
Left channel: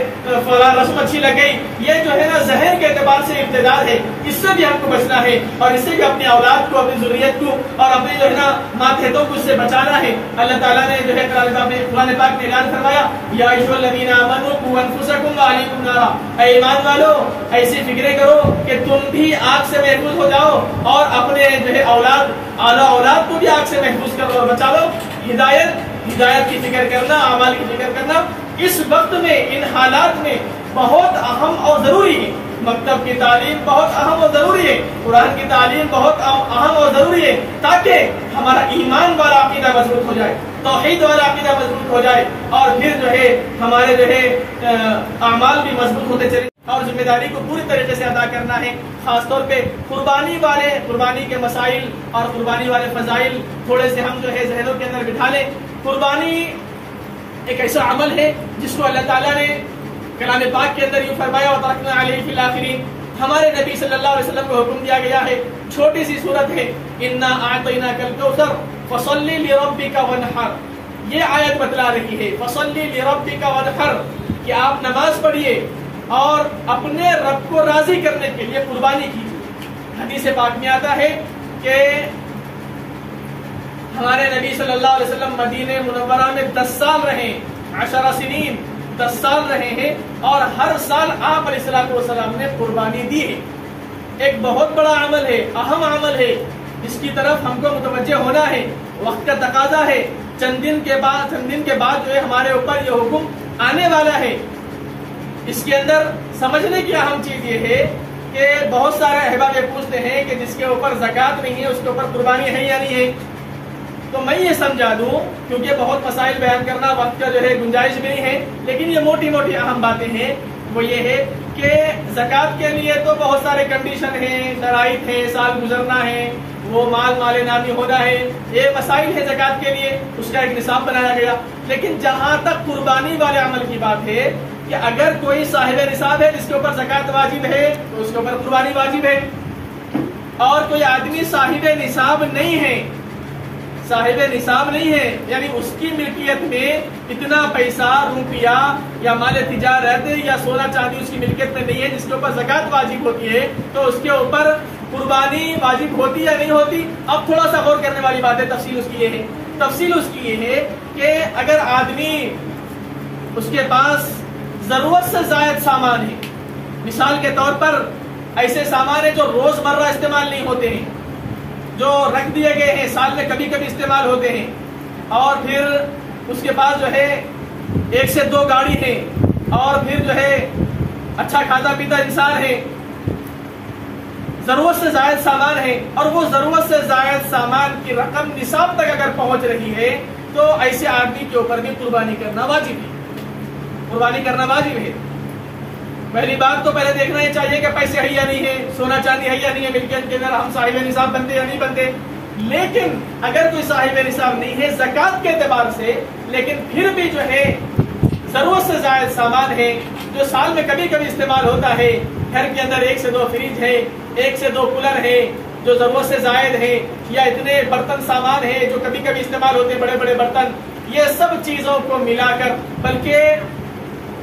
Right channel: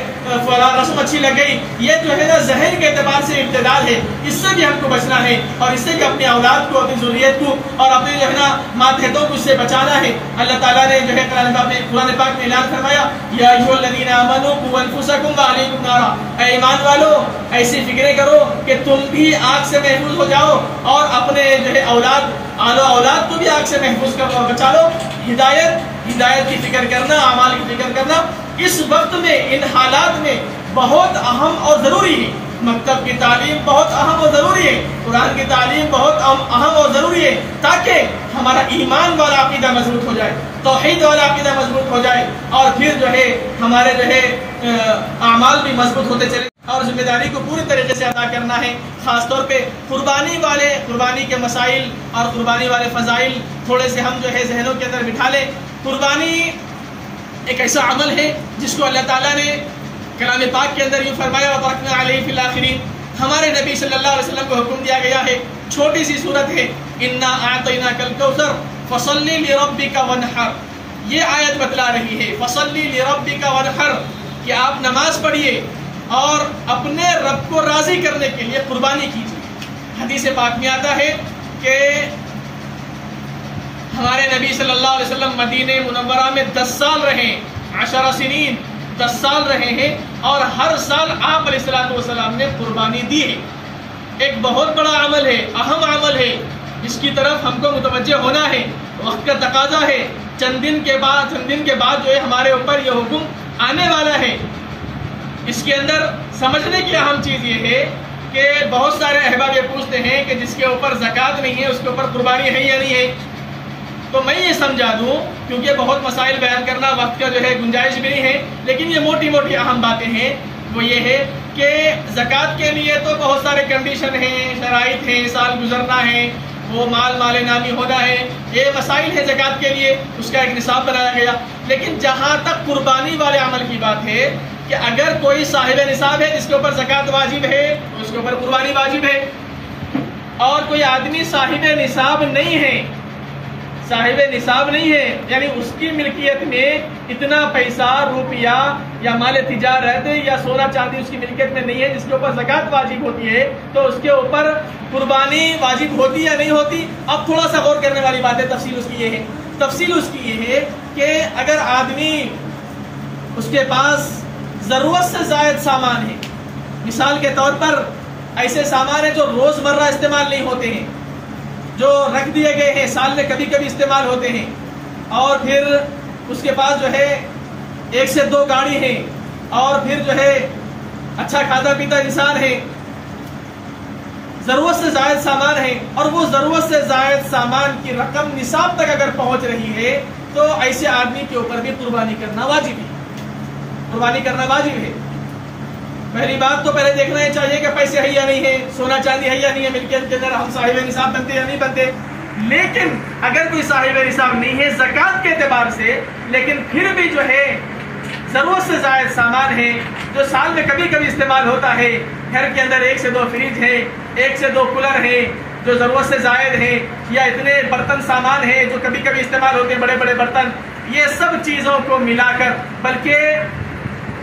فلاں رسم اچھی لگ گئی، یہ جو ہے نا ذہن کے اعتبار سے ارتداد ہے، اس سے بھی ہم کو بچنا ہے اور اس سے بھی اپنی اولاد کو، اپنی ذریت کو اور اپنے جو ہے نا ماتحتوں کو اس سے بچانا ہے۔ اللہ تعالیٰ نے جو ہے قرآن پاک میں اعلان فرمایا، یا ایھا الذین آمنوا قوا انفسکم واہلیکم نارا، اے ایمان والو ایسی فکریں کرو کہ تم بھی آگ سے محفوظ ہو جاؤ اور اپنے جو ہے اولاد کو بھی آگ سے محفوظ کرو اور بچا لو۔ ہدایت کی فکر کرنا، اعمال کی فکر کرنا اس وقت میں، ان حالات میں بہت اہم اور ضروری ہے۔ مکتب کی تعلیم بہت اہم اور ضروری ہے، قرآن کی تعلیم بہت اہم اور ضروری ہے، تاکہ ہمارا ایمان والا عقیدہ مضبوط ہو جائے، توحید والا عقیدہ مضبوط ہو جائے، اور پھر جو ہے ہمارے جو ہے اعمال بھی مضبوط ہوتے چلے، اور ذمہ داری کو پوری طریقے سے ادا کرنا ہے۔ خاص طور پہ قربانی کے مسائل اور قربانی والے فضائل تھوڑے سے ہم جو ہے ذہنوں کے اندر بٹھا لیں۔ قربانی ایک ایسا عمل ہے جس کو اللہ تعالیٰ نے کلام پاک کے اندر یوں فرمایا، وَتَرَكْنَا عَلَيْهِ فِي الْآخِرِينَ، ہمارے نبی صلی اللہ علیہ وسلم کو حکم دیا گیا ہے، چھوٹی سی صورت ہے، اِنَّا أَعْطَيْنَاكَ الْكَوْثَرَ فَصَلِّ لِرَبِّكَ وَانْحَرْ، یہ آیت بتلا رہی ہے فَصَلِّ لِرَبِّكَ وَانْحَرْ، کہ آپ نماز پڑھیے اور اپنے رب کو راضی کرنے کے لیے قربانی کیجیے۔ حدیث پاک میں آتا ہے کہ ہمارے نبی صلی اللہ علیہ وسلم مدینہ منورہ میں 10 سال رہے، 10 سنین، 10 سال رہے ہیں، اور ہر سال آپ علیہ الصلوۃ والسلام نے قربانی دی ہے۔ ایک بہت بڑا عمل ہے، اہم عمل ہے، اس کی طرف ہم کو متوجہ ہونا ہے، وقت کا تقاضا ہے۔ چند دن کے بعد جو ہے ہمارے اوپر یہ حکم آنے والا ہے۔ اس کے اندر سمجھنے کی اہم چیز یہ ہے کہ بہت سارے احباب یہ پوچھتے ہیں کہ جس کے اوپر زکوٰۃ نہیں ہے اس کے اوپر قربانی ہے یا نہیں ہے، تو میں یہ سمجھا دوں، کیونکہ بہت مسائل بیان کرنا وقت کا جو ہے گنجائش بھی نہیں ہے، لیکن یہ موٹی موٹی اہم باتیں ہیں۔ وہ یہ ہے کہ زکوٰۃ کے لیے تو بہت سارے کنڈیشن ہیں، شرائط ہیں، سال گزرنا ہے، وہ مال نامی ہونا ہے، یہ مسائل ہے زکوٰۃ کے لیے، اس کا ایک نصاب بنایا گیا۔ لیکن جہاں تک قربانی والے عمل کی بات ہے کہ اگر کوئی صاحب نصاب ہے جس کے اوپر زکوٰۃ واجب ہے تو اس کے اوپر قربانی واجب ہے، اور کوئی آدمی صاحب نصاب نہیں ہے، یعنی اس کی ملکیت میں اتنا پیسہ، روپیہ یا مال تجارت یا سونا چاندی اس کی ملکیت میں نہیں ہے جس کے اوپر زکوٰۃ واجب ہوتی ہے، تو اس کے اوپر قربانی واجب ہوتی یا نہیں ہوتی؟ اب تھوڑا سا غور کرنے والی بات ہے۔ تفصیل اس کی یہ ہے کہ اگر آدمی اس کے پاس ضرورت سے زائد سامان ہے. مثال کے طور پر ایسے سامان ہیں جو روز مرہ استعمال نہیں ہوتے ہیں، جو رکھ دیے گئے ہیں، سال میں کبھی کبھی استعمال ہوتے ہیں، اور پھر اس کے بعد جو ہے 1 سے 2 گاڑی ہیں، اور پھر جو ہے اچھا کھاتا پیتا انسان ہے. ضرورت سے زائد سامان ہے، اور وہ ضرورت سے زائد سامان کی رقم نصاب تک اگر پہنچ رہی ہے تو ایسے آدمی کے اوپر بھی قربانی کرنا واجب ہے. قربانی کرنا واجب ہے. پہلی بات تو پہلے دیکھنا ہی چاہیے کہ پیسے ہے یا نہیں ہے، سونا چاندی ہے یا نہیں ہے، ملکیت کے اندر ہم صاحب نصاب بنتے یا نہیں بنتے. لیکن اگر کوئی صاحب نصاب نہیں ہے زکوٰۃ کے اعتبار سے، لیکن پھر بھی جو ہے ضرورت سے زائد سامان ہے جو سال میں کبھی کبھی استعمال ہوتا ہے، گھر کے اندر 1 سے 2 فریج ہے، 1 سے 2 کولر ہے جو ضرورت سے زائد ہے، یا اتنے برتن سامان ہے جو کبھی کبھی استعمال ہوتے ہیں، بڑے بڑے برتن، یہ سب چیزوں کو ملا کر، بلکہ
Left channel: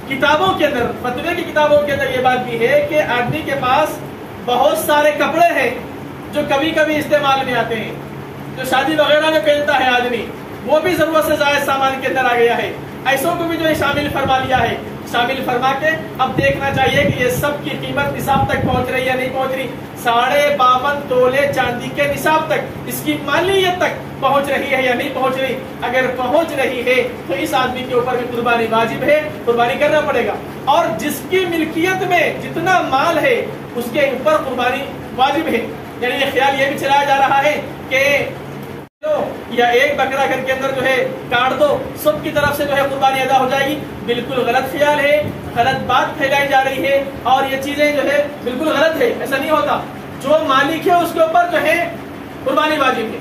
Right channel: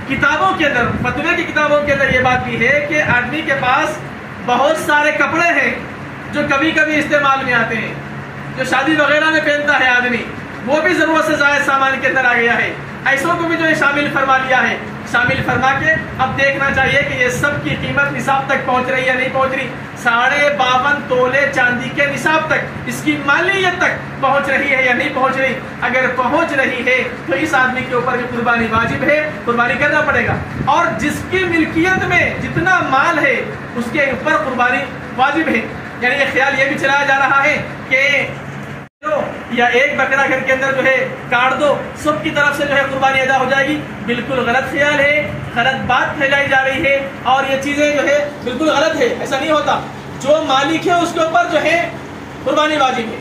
کتابوں کے اندر، فتوے کی کتابوں کے اندر یہ بات بھی ہے کہ آدمی کے پاس بہت سارے کپڑے ہیں جو کبھی کبھی استعمال میں آتے ہیں، جو شادی وغیرہ میں پہنتا ہے آدمی، وہ بھی ضرورت سے زائد سامان کے اندر آ گیا ہے. ایسوں کو بھی جو ہے شامل فرما لیا ہے. شامل فرما کے اب دیکھنا چاہیے کہ یہ سب کی قیمت نصاب تک پہنچ رہی ہے یا نہیں پہنچ رہی. 52.5 تولے چاندی کے نصاب تک، اس کی مالیت تک پہنچ رہی ہے یا نہیں پہنچ رہی. اگر پہنچ رہی ہے تو اس آدمی کے اوپر بھی قربانی واجب ہے، قربانی کرنا پڑے گا. اور جس کی ملکیت میں جتنا مال ہے اس کے اوپر قربانی واجب ہے. یعنی یہ خیال یہ بھی چلایا جا رہا ہے کہ یا ایک بکرا گھر کے اندر جو ہے کاٹ دو، سب کی طرف سے جو ہے قربانی ادا ہو جائے گی. بالکل غلط خیال ہے، غلط بات پھیلائی جا رہی ہے، اور یہ چیزیں جو ہے بالکل غلط ہے. ایسا نہیں ہوتا. جو مالک ہے اس کے اوپر جو ہے قربانی واجب ہے.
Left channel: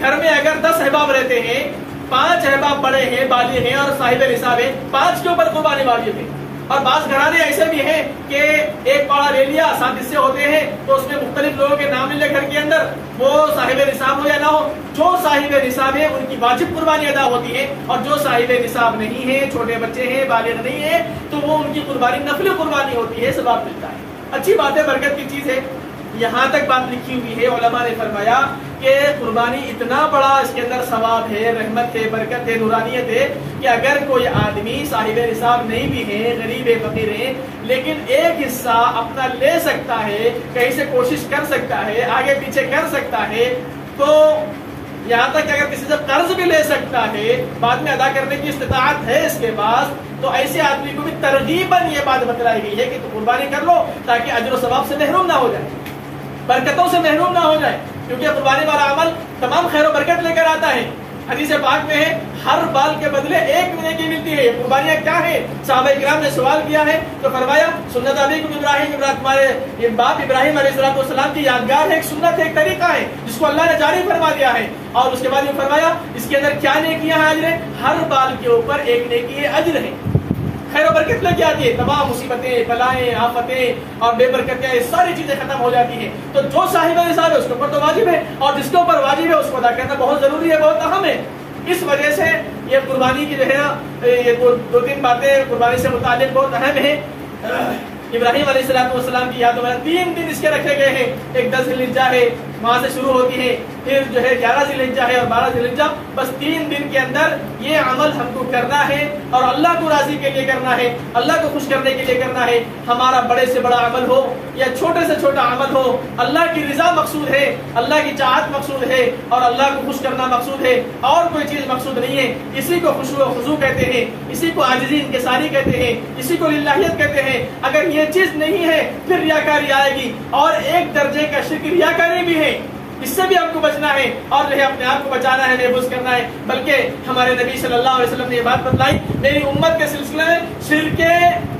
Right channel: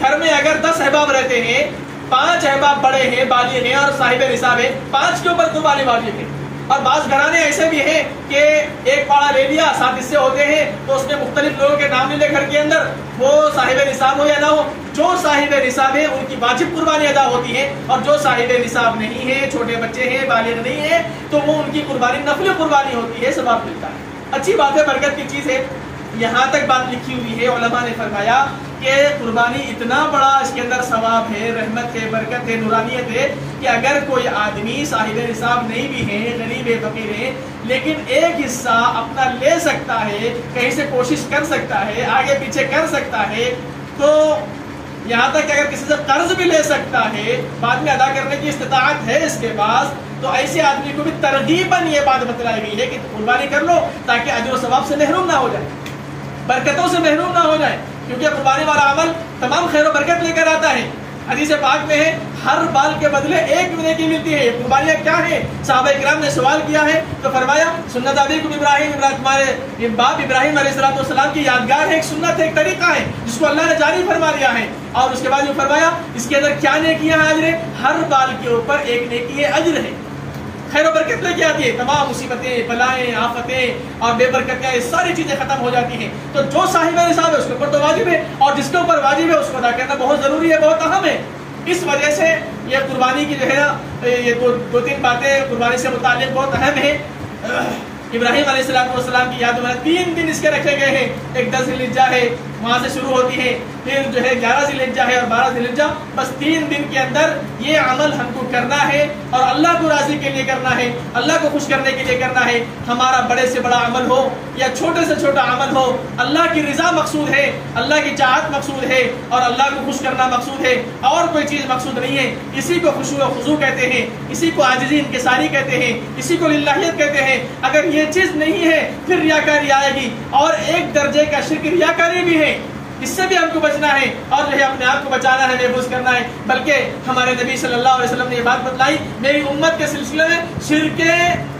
گھر میں اگر 10 احباب رہتے ہیں، 5 احباب بڑے ہیں، بالغ ہیں اور صاحب نصاب ہے، 5 کے اوپر قربانی واجب ہے. اور بعض گھرانے ایسے بھی ہیں کہ ایک پاڑا لے لیا، 7 حصے ہوتے ہیں، تو اس نے مختلف لوگوں کے نام لے لے گھر کے اندر، وہ صاحب نصاب ہو یا نہ ہو. جو صاحب نصاب ہے ان کی واجب قربانی ادا ہوتی ہے، اور جو صاحب نصاب نہیں ہے، چھوٹے بچے ہیں، بالغ نہیں ہے، تو وہ ان کی قربانی نفلی قربانی ہوتی ہے، ثواب ملتا ہے. اچھی بات ہے، برکت کی چیز ہے. یہاں تک بات لکھی ہوئی ہے، علماء نے فرمایا کہ قربانی اتنا بڑا اس کے اندر ثواب ہے، رحمت ہے، برکت ہے، نورانیت ہے کہ اگر کوئی آدمی صاحب نصاب نہیں بھی ہے، غریب ہے، فقیر ہے، لیکن ایک حصہ اپنا لے سکتا ہے، کہیں سے کوشش کر سکتا ہے، آگے پیچھے کر سکتا ہے، تو یہاں تک کہ اگر کسی سے قرض بھی لے سکتا ہے، بعد میں ادا کرنے کی استطاعت ہے اس کے پاس، تو ایسے آدمی کو بھی ترغیباً یہ بات بتلائی گئی ہے کہ قربانی کر لو تاکہ اجر و ثواب سے محروم نہ ہو جائے، برکتوں سے محروم نہ ہو جائے. کیونکہ قربانی والا عمل تمام خیر و برکت لے کر آتا ہے. حدیث پاک میں ہے ہر بال کے بدلے 1 نیکی ملتی ہے. قربانیاں کیا ہیں؟ صحابہ کرام نے سوال کیا ہے تو فرمایا سنت ابیکم ابراہیم، تمہارے باپ ابراہیم علیہ السلام کی یادگار ہے، ایک سنت ہے، ایک طریقہ ہے جس کو اللہ نے جاری فرما دیا ہے. اور اس کے بعد جو فرمایا اس کے اندر کیا نیکیاں ہیں؟ اجر ہے. ہر بال کے اوپر 1 نیکی ہے، اجر ہے، خیر و برکت لے کے آتی ہے. تمام مصیبتیں، بلائیں، آفتیں اور بے برکتیاں، یہ ساری چیزیں ختم ہو جاتی ہیں. تو جو صاحب نصاب ہے اس کے اوپر تو واجب ہے، اور جس کے اوپر واجب ہے اس کو ادا کرنا بہت ضروری ہے، بہت اہم ہے. اس وجہ سے یہ قربانی کی جو ہے نا، یہ 2-3 باتیں قربانی سے متعلق بہت اہم ہیں. ابراہیم علیہ السلام کی یاد میں 3 دن اس کے رکھے گئے ہیں. ایک 10 ذی الحجہ ہے، وہاں سے شروع ہوتی ہے، پھر جو ہے 11 ذی الحجہ ہے اور 12 ذی الحجہ. بس 3 دن کے اندر یہ عمل ہم کو کرنا ہے، اور اللہ کو راضی کے لیے کرنا ہے، اللہ کو خوش کرنے کے لیے کرنا ہے. ہمارا بڑے سے بڑا عمل ہو یا چھوٹے سے چھوٹا عمل ہو، اللہ کی رضا مقصود ہے، اللہ کی چاہت مقصود ہے، اور اللہ کو خوش کرنا مقصود ہے، اور کوئی چیز مقصود نہیں ہے. اسی کو خشوع و خضوع کہتے ہیں، اسی کو عاجزی انکساری کہتے ہیں، اسی کو للہیت کہتے ہیں. اگر یہ چیز نہیں ہے پھر ریاکاری آئے گی، اور ایک درجے کا شرک ریاکاری بھی ہے. اس سے بھی ہم کو بچنا ہے، اور جو ہے اپنے آپ کو بچانا ہے، محفوظ کرنا ہے. بلکہ ہمارے نبی صلی اللہ علیہ وسلم نے یہ بات بتلائی، میری امت کے سلسلے میں شرک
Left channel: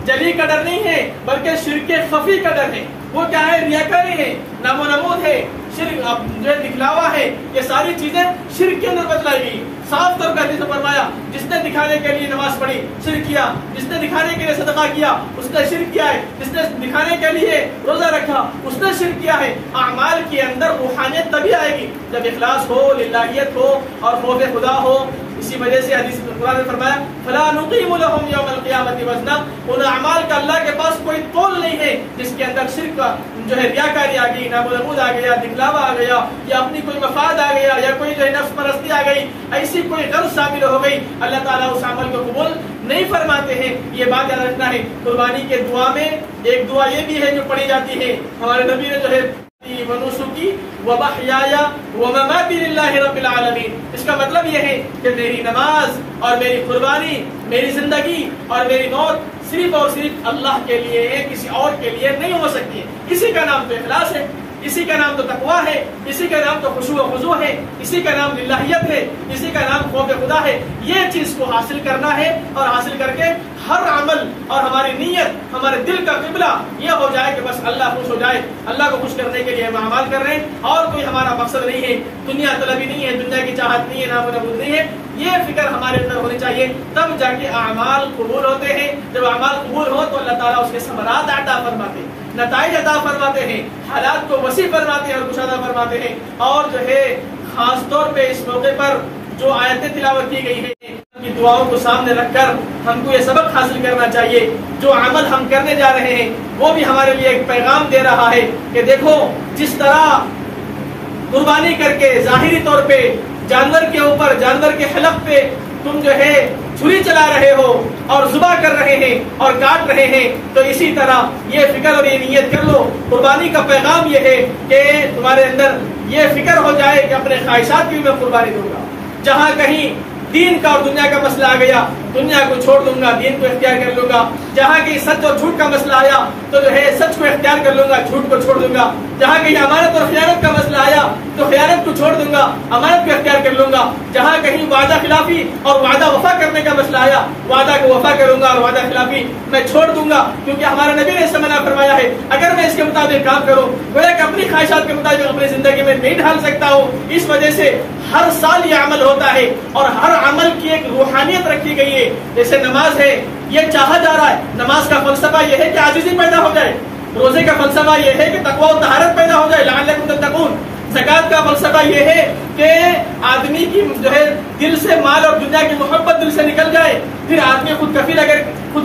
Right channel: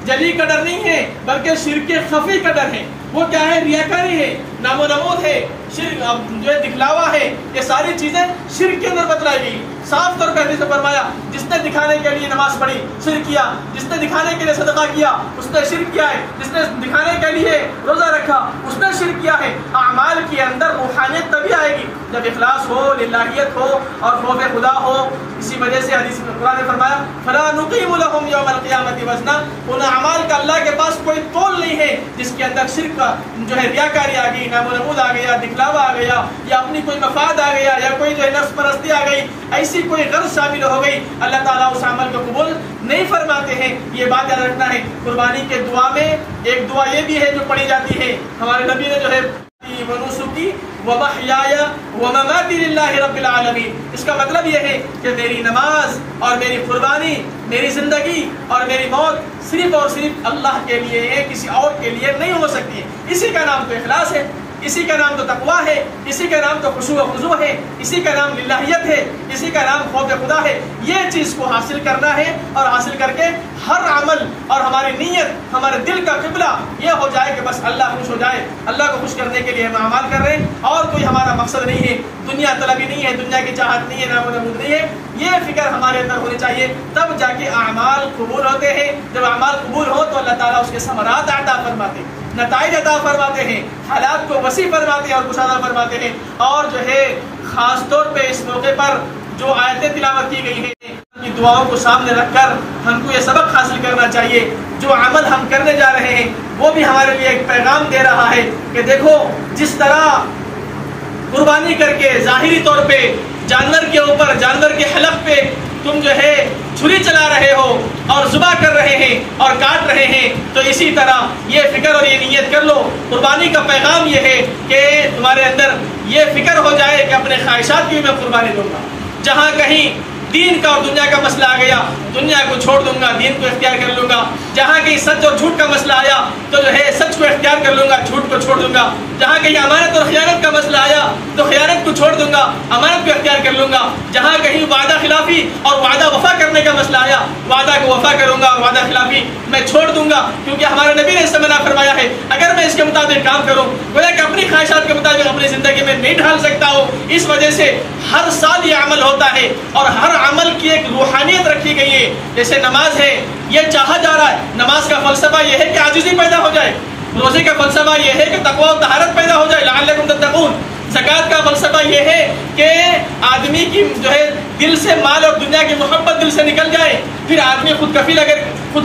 جلی کا ڈر نہیں ہے بلکہ شرک خفی کا ڈر ہے. وہ کیا ہے؟ ریاکاری ہے، نام و نمود ہے، شرک جو ہے دکھلاوا ہے. یہ ساری چیزیں شرک کے اندر بتلائی گئی. صاف طور پر حدیث میں فرمایا جس نے دکھانے کے لیے نماز پڑھی شرک کیا، جس نے دکھانے کے لیے صدقہ کیا اس نے شرک کیا ہے، جس نے دکھانے کے لیے روزہ رکھا اس نے شرک کیا ہے. اعمال کے اندر روحانیت تبھی آئے گی جب اخلاص ہو، للہیت ہو اور خوف خدا ہو. اسی وجہ سے حدیث میں قرآن نے فرمایا فلا نقیم لهم یوم القیامت وزنا. ان اعمال کا اللہ کے پاس کوئی تول نہیں ہے جس کے اندر شرک کا جو ہے ریاکاری آ گئی، نام و نمود آ گیا، دکھلاوا آ گیا، یا اپنی کوئی مفاد آ گیا، یا کوئی جو ہے نفس پرستی آ گئی، ایسی کوئی غرض شامل ہو گئی. اللہ تعالیٰ اس عمل کو قبول نہیں فرماتے ہیں. یہ بات یاد رکھنا ہے. قربانی کے دعا میں ایک دعا یہ بھی ہے جو پڑھی جاتی ہے. ہمارے نبی نے جو ہے ونسکی ومحیای ومماتی للہ رب العالمین. اس کا مطلب یہ ہے کہ میری نماز اور میری قربانی، میری زندگی اور میری موت صرف اور صرف اللہ کے لیے ہے، کسی اور کے لیے نہیں ہو سکتی ہے. اسی کا نام تو اخلاص ہے، اسی کا نام تو تقویٰ ہے، اسی کا نام تو خشوع و خضوع ہے، اسی کا نام للہیت ہے، اسی کا نام خوف خدا ہے. یہ چیز کو حاصل کرنا ہے اور حاصل کر کے ہر عمل اور ہماری نیت، ہمارے دل کا قبلہ یہ ہو جائے کہ بس اللہ خوش ہو جائے. اللہ کو خوش کرنے کے لیے ہم اعمال کر رہے ہیں اور کوئی ہمارا مقصد نہیں ہے، دنیا طلبی نہیں ہے، دنیا کی چاہت نہیں ہے، نام و نمود نہیں ہے. یہ فکر ہمارے اندر ہونی چاہیے، تب جا کے اعمال قبول ہوتے ہیں. جب اعمال قبول ہو تو اللہ تعالیٰ اس کے ثمرات عطا فرماتے ہیں، نتائج عطا فرماتے ہیں، حالات کو وسیع فرماتے ہیں اور کشادہ فرماتے ہیں. اور جو ہے خاص طور پہ اس موقع پر جو آیتیں تلاوت کی گئی ہیں کی دعاؤں کو سامنے رکھ کر ہم کو یہ سبق حاصل کرنا چاہیے. جو عمل ہم کرنے جا رہے ہیں وہ بھی ہمارے لیے ایک پیغام دے رہا ہے کہ دیکھو جس طرح قربانی کر کے ظاہری طور پہ جانور کے اوپر، جانور کے حلق پہ تم جو ہے چھری چلا رہے ہو اور ذبح کر رہے ہیں اور کاٹ رہے ہیں، تو اسی طرح یہ فکر اور یہ نیت کر لو. قربانی کا پیغام یہ ہے کہ تمہارے اندر یہ فکر ہو جائے کہ اپنے خواہشات کی میں قربانی دوں گا. جہاں کہیں دین کا اور دنیا کا مسئلہ آ گیا، دنیا کو چھوڑ دوں گا، دین کو اختیار کر لوں گا. جہاں کہیں سچ اور جھوٹ کا مسئلہ آیا تو جو ہے سچ کو اختیار کر لوں گا، جھوٹ کو چھوڑ دوں گا. جہاں کہیں امانت اور خیانت کا مسئلہ آیا تو خیانت کو چھوڑ دوں گا، امانت کو اختیار کر لوں گا. جہاں کہیں وعدہ خلافی اور وعدہ وفا کرنے کا مسئلہ آیا، وعدہ کو وفا کروں گا اور وعدہ خلافی میں چھوڑ دوں گا. کیونکہ ہمارے نبی نے اس سے منع فرمایا ہے اگر میں اس کے مطابق کام کروں، گویا کہ اپنی خواہشات کے مطابق اپنی زندگی میں نہیں ڈھال سکتا ہوں. اس وجہ سے ہر سال یہ عمل ہوتا ہے اور ہر عمل کی ایک روحانیت رکھی گئی ہے. جیسے نماز ہے، یہ چاہا جا رہا ہے، نماز کا فلسفہ یہ ہے کہ عاجزی پیدا ہو جائے. روزے کا فلسفہ یہ ہے کہ تقویٰ و طہارت پیدا ہو جائے، لعلکم تتقون. زکوٰۃ کا فلسفہ یہ ہے کہ آدمی کی جو ہے دل سے مال اور دنیا کی محبت دل سے نکل جائے، پھر آدمی خود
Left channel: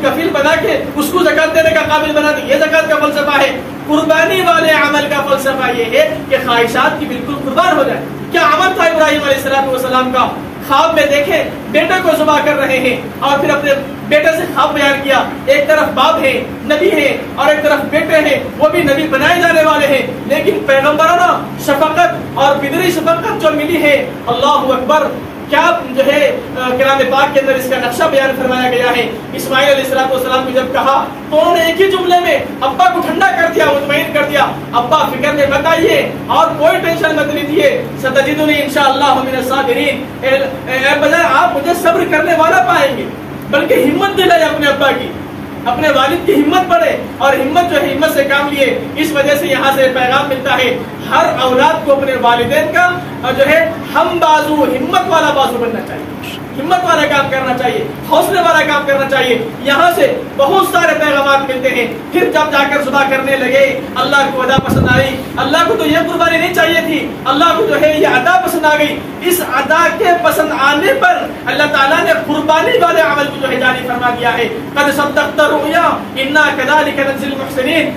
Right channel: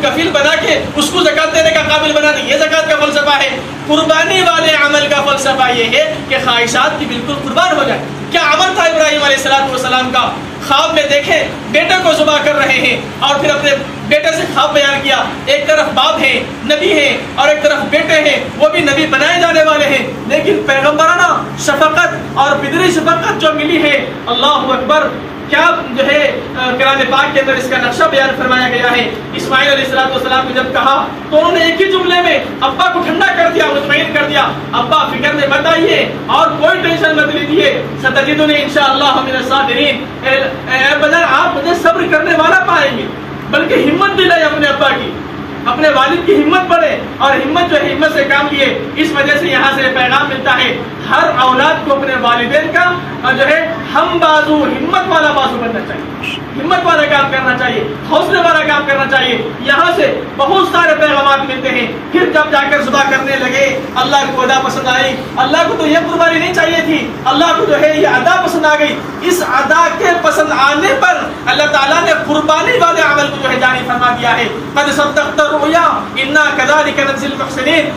کفیل بنا کے اس کو زکوٰۃ دینے کا قابل بنا دے. یہ زکوٰۃ کا فلسفہ ہے. قربانی والے عمل کا فلسفہ یہ ہے کہ خواہشات کی بالکل قربان ہو جائے. کیا عمل تھا ابراہیم علیہ السلام کا؟ خواب میں دیکھے بیٹے کو ذبح کر رہے ہیں اور پھر اپنے بیٹے سے خواب بیان کیا. ایک طرف باپ ہے، نبی ہے، اور ایک طرف بیٹے ہیں، وہ بھی نبی بنائے جانے والے ہیں. لیکن پیغمبرانہ شفقت اور پدری شفقت جو ملی ہے، اللہ اکبر. کیا جو ہے کلام پاک کے اندر اس کا نقشہ بیان فرمایا گیا ہے. اسماعیل علیہ السلام کو جب کہا تو انہوں نے ایک ہی جملے میں ابا کو ٹھنڈا کر دیا، مطمئن کر دیا. ابا فکر میں مت آئیے اور کوئی ٹینشن مت لیجیے، ستجدنی انشاءاللہ من الصابرین. اے بجائے آپ مجھے صبر کرنے والا پائیں گے. بلکہ ہمت دلائی اپنے ابا کی، اپنے والد کی ہمت بڑھے اور ہمت جو ہے ہمت سے کام لیے. اس وجہ سے یہاں سے پیغام ملتا ہے ہر اولاد کو اپنے والدین کا جو ہے ہم بازو، ہمت والا بازو بننا چاہیے، ہمت والا کام کرنا چاہیے، حوصلے والا کام کرنا چاہیے. یہاں سے بہت سارے پیغامات ملتے ہیں. پھر جب جا کر ذبح کرنے لگے، اللہ کو ادا پسند آئی. اللہ کو تو یہ قربانی نہیں چاہیے تھی، اللہ کو جو ہے یہ ادا پسند آ گئی. اس ادا کے پسند آنے پر اللہ تعالیٰ نے قربانی والے عمل کو جو ہے جاری فرما دیا ہے. قد صدقت الرؤیا انا كذلك نجزي المحسنين.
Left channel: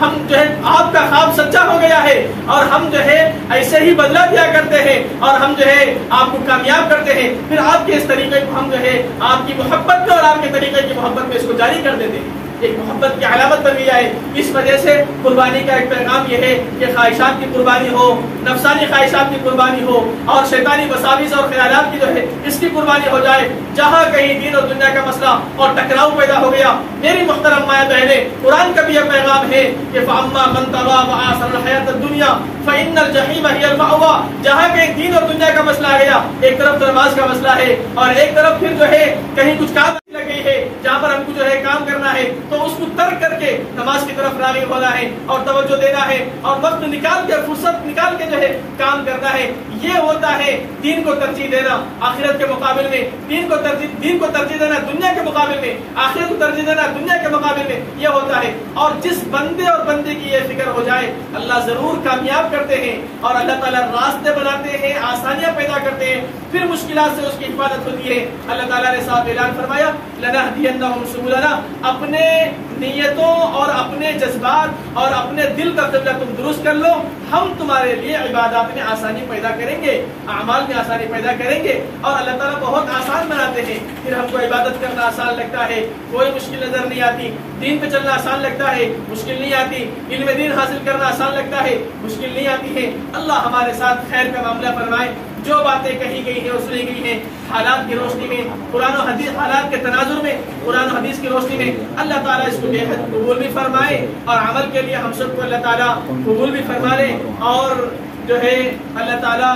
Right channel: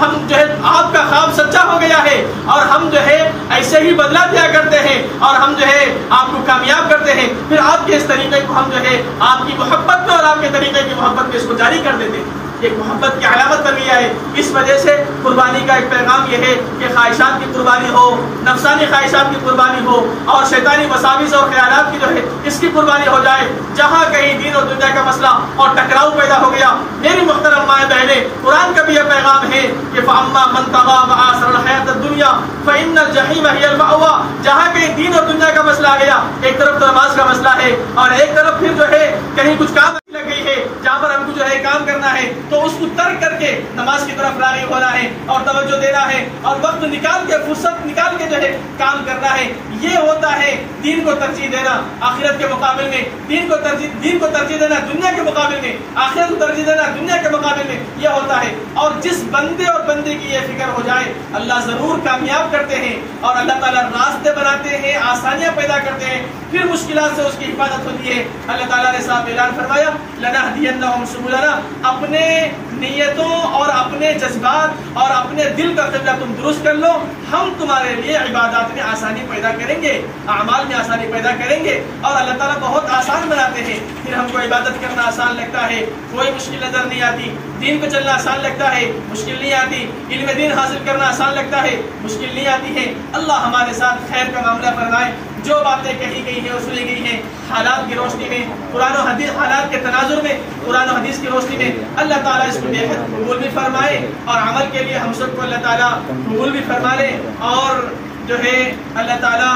ہم جو ہے آپ کا خواب سچا ہو گیا ہے اور ہم جو ہے ایسے ہی بدلہ دیا کرتے ہیں اور ہم جو ہے آپ کو کامیاب کرتے ہیں. پھر آپ کے اس طریقے کو ہم جو ہے آپ کی محبت میں اور آپ کے طریقے کی محبت میں اس کو جاری کر دیتے ہیں. ایک محبت کی علامت بن گیا ہے. اس وجہ سے قربانی کا ایک پیغام یہ ہے کہ خواہشات کی قربانی ہو، نفسانی خواہشات کی قربانی ہو اور شیطانی وساوس اور خیالات کی جو ہے اس کی قربانی ہو جائے. جہاں کہیں دین اور دنیا کا مسئلہ اور ٹکراؤ پیدا ہو گیا، میری محترم مائیں بہنیں، قرآن کا بھی یہ پیغام ہے کہ فَأَمَّا مَن طَغَىٰ وَآثَرَ الْحَيَاةَ الدُّنْيَا فَإِنَّ الْجَحِيمَ هِيَ الْمَأْوَىٰ. جہاں کہیں دین اور دنیا کا مسئلہ آ گیا، ایک طرف تو نماز کا مسئلہ ہے اور ایک طرف پھر جو ہے کہیں کچھ کام لگ گئی ہے جہاں پر ہم کو جو ہے کام کرنا ہے، تو اس کو ترک کر کے نماز کی طرف راغب ہونا ہے اور توجہ دینا ہے اور وقت نکال کے، فرصت نکال کے جو ہے کام کرنا ہے. یہ ہوتا ہے دین کو ترجیح دینا آخرت کے مقابل میں، دین کو ترجیح دینا دنیا کے مقابل میں، آخرت کو ترجیح دینا دنیا کے مقابل میں. یہ ہوتا ہے. اور جس بندے اور بندے کی یہ فکر ہو جائے، اللہ ضرور کامیاب کرتے ہیں اور اللہ تعالیٰ راستے بناتے ہیں، آسانیاں پیدا کرتے ہیں، پھر مشکلات سے اس کی حفاظت ہوتی ہے. اللہ تعالیٰ نے صاحب اعلان فرمایا لَنَهْدِيَنَّهُمْ سُبُلَنَا. اپنے نیتوں اور اپنے جذبات اور اپنے دل کا قبلہ تم درست کر لو، ہم تمہارے لیے عبادات میں آسانی پیدا کریں گے، اعمال میں آسانی پیدا کریں گے، اور اللہ تعالیٰ بہت آسان بناتے ہیں۔ پھر ہم کو عبادت کرنا آسان لگتا ہے، کوئی مشکل نظر نہیں آتی، دین پہ چلنا آسان لگتا ہے، مشکل نہیں آتی، علم دین حاصل کرنا آسان لگتا ہے، مشکل نہیں آتی ہے۔ اللہ ہمارے ساتھ خیر کا معاملہ فرمائے۔ جو باتیں کہی گئی ہیں اور سنی گئی ہیں حالات کی روشنی میں، قرآن و حدیث حالات کے تناظر میں، قرآن و حدیث کی روشنی میں اللہ تعالیٰ اس کو بے حد قبول بھی فرمائے، اور عمل کے لیے ہم سب کو اللہ تعالیٰ قبول بھی فرما لے، اور جو ہے اللہ تعالیٰ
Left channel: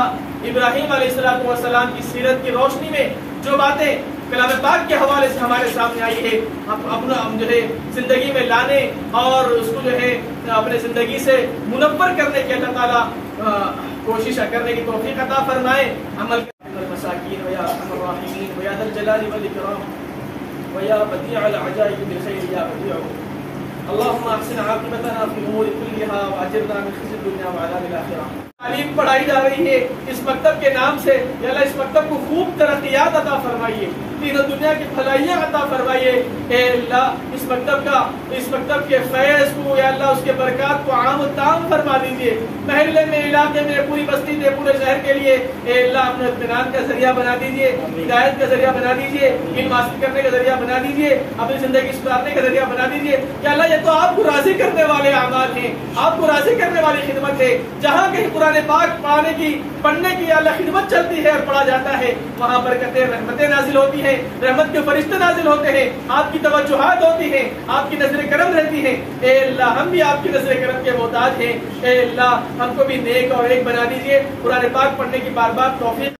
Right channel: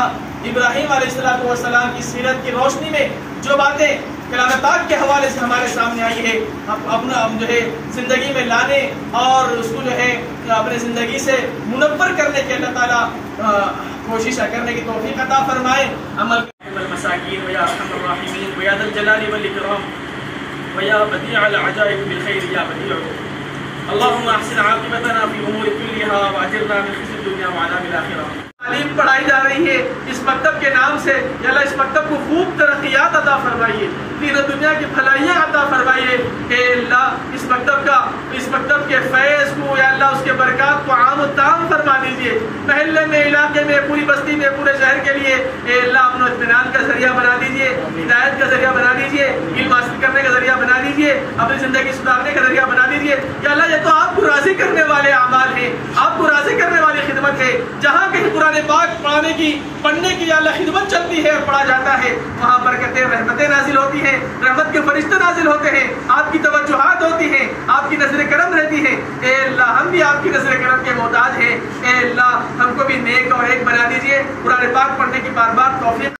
ابراہیم علیہ السلام کی سیرت کی روشنی میں جو باتیں کلام پاک کے حوالے سے ہمارے سامنے آئی ہے، اپنا جو ہے زندگی میں لانے اور اس کو جو ہے اپنے زندگی سے منور کرنے کے اللہ تعالیٰ کوشش کرنے کی توفیق عطا فرمائے۔ عمل المساکین ویا ارحم الراحمین ویا ذا الجلال والاکرام ویا بدیع العجائب بالخیر یا بدیع اللهم احسن عاقبتنا في الامور كلها واجرنا من خزي الدنيا وعذاب الاخره۔ تعلیم پڑھائی جا رہی ہے اس مکتب کے نام سے، یا اللہ اس مکتب کو خوب ترقیات عطا فرمائیے، دین و دنیا کی بھلائیاں عطا فرمائیے۔ اے اللہ اس مکتب کے فیض کو، یا اللہ اس کے برکات کو عام و تام فرما دیجیے، محلے میں، علاقے میں، پوری بستی میں، پورے شہر کے لیے اے اللہ امن و اطمینان کا ذریعہ بنا دیجیے، ہدایت کا ذریعہ بنا دیجیے، علم حاصل کرنے کا ذریعہ بنا دیجیے، اپنی زندگی سدھارنے کا ذریعہ بنا دیجیے۔ یا اللہ یہ تو آپ کو راضی کرنے والے اعمال ہیں، آپ کو راضی کرنے والی خدمت ہے۔ جہاں کہیں قرآن پاک پڑھنے کی اللہ خدمت چلتی ہے اور پڑھا جاتا ہے، وہاں برکتیں رحمتیں نازل ہوتی ہیں، رحمت کے فرشتے نازل ہوتے ہیں، آپ کی توجہات ہوتی ہیں، آپ کی نظر کرم رہتی ہے۔ اے اللہ ہم بھی آپ کی نظر کرم کے محتاج ہیں، اے اللہ ہم کو بھی نیک اور ایک بنا دیجیے، قرآن پاک پڑھنے کی بار بار توفیق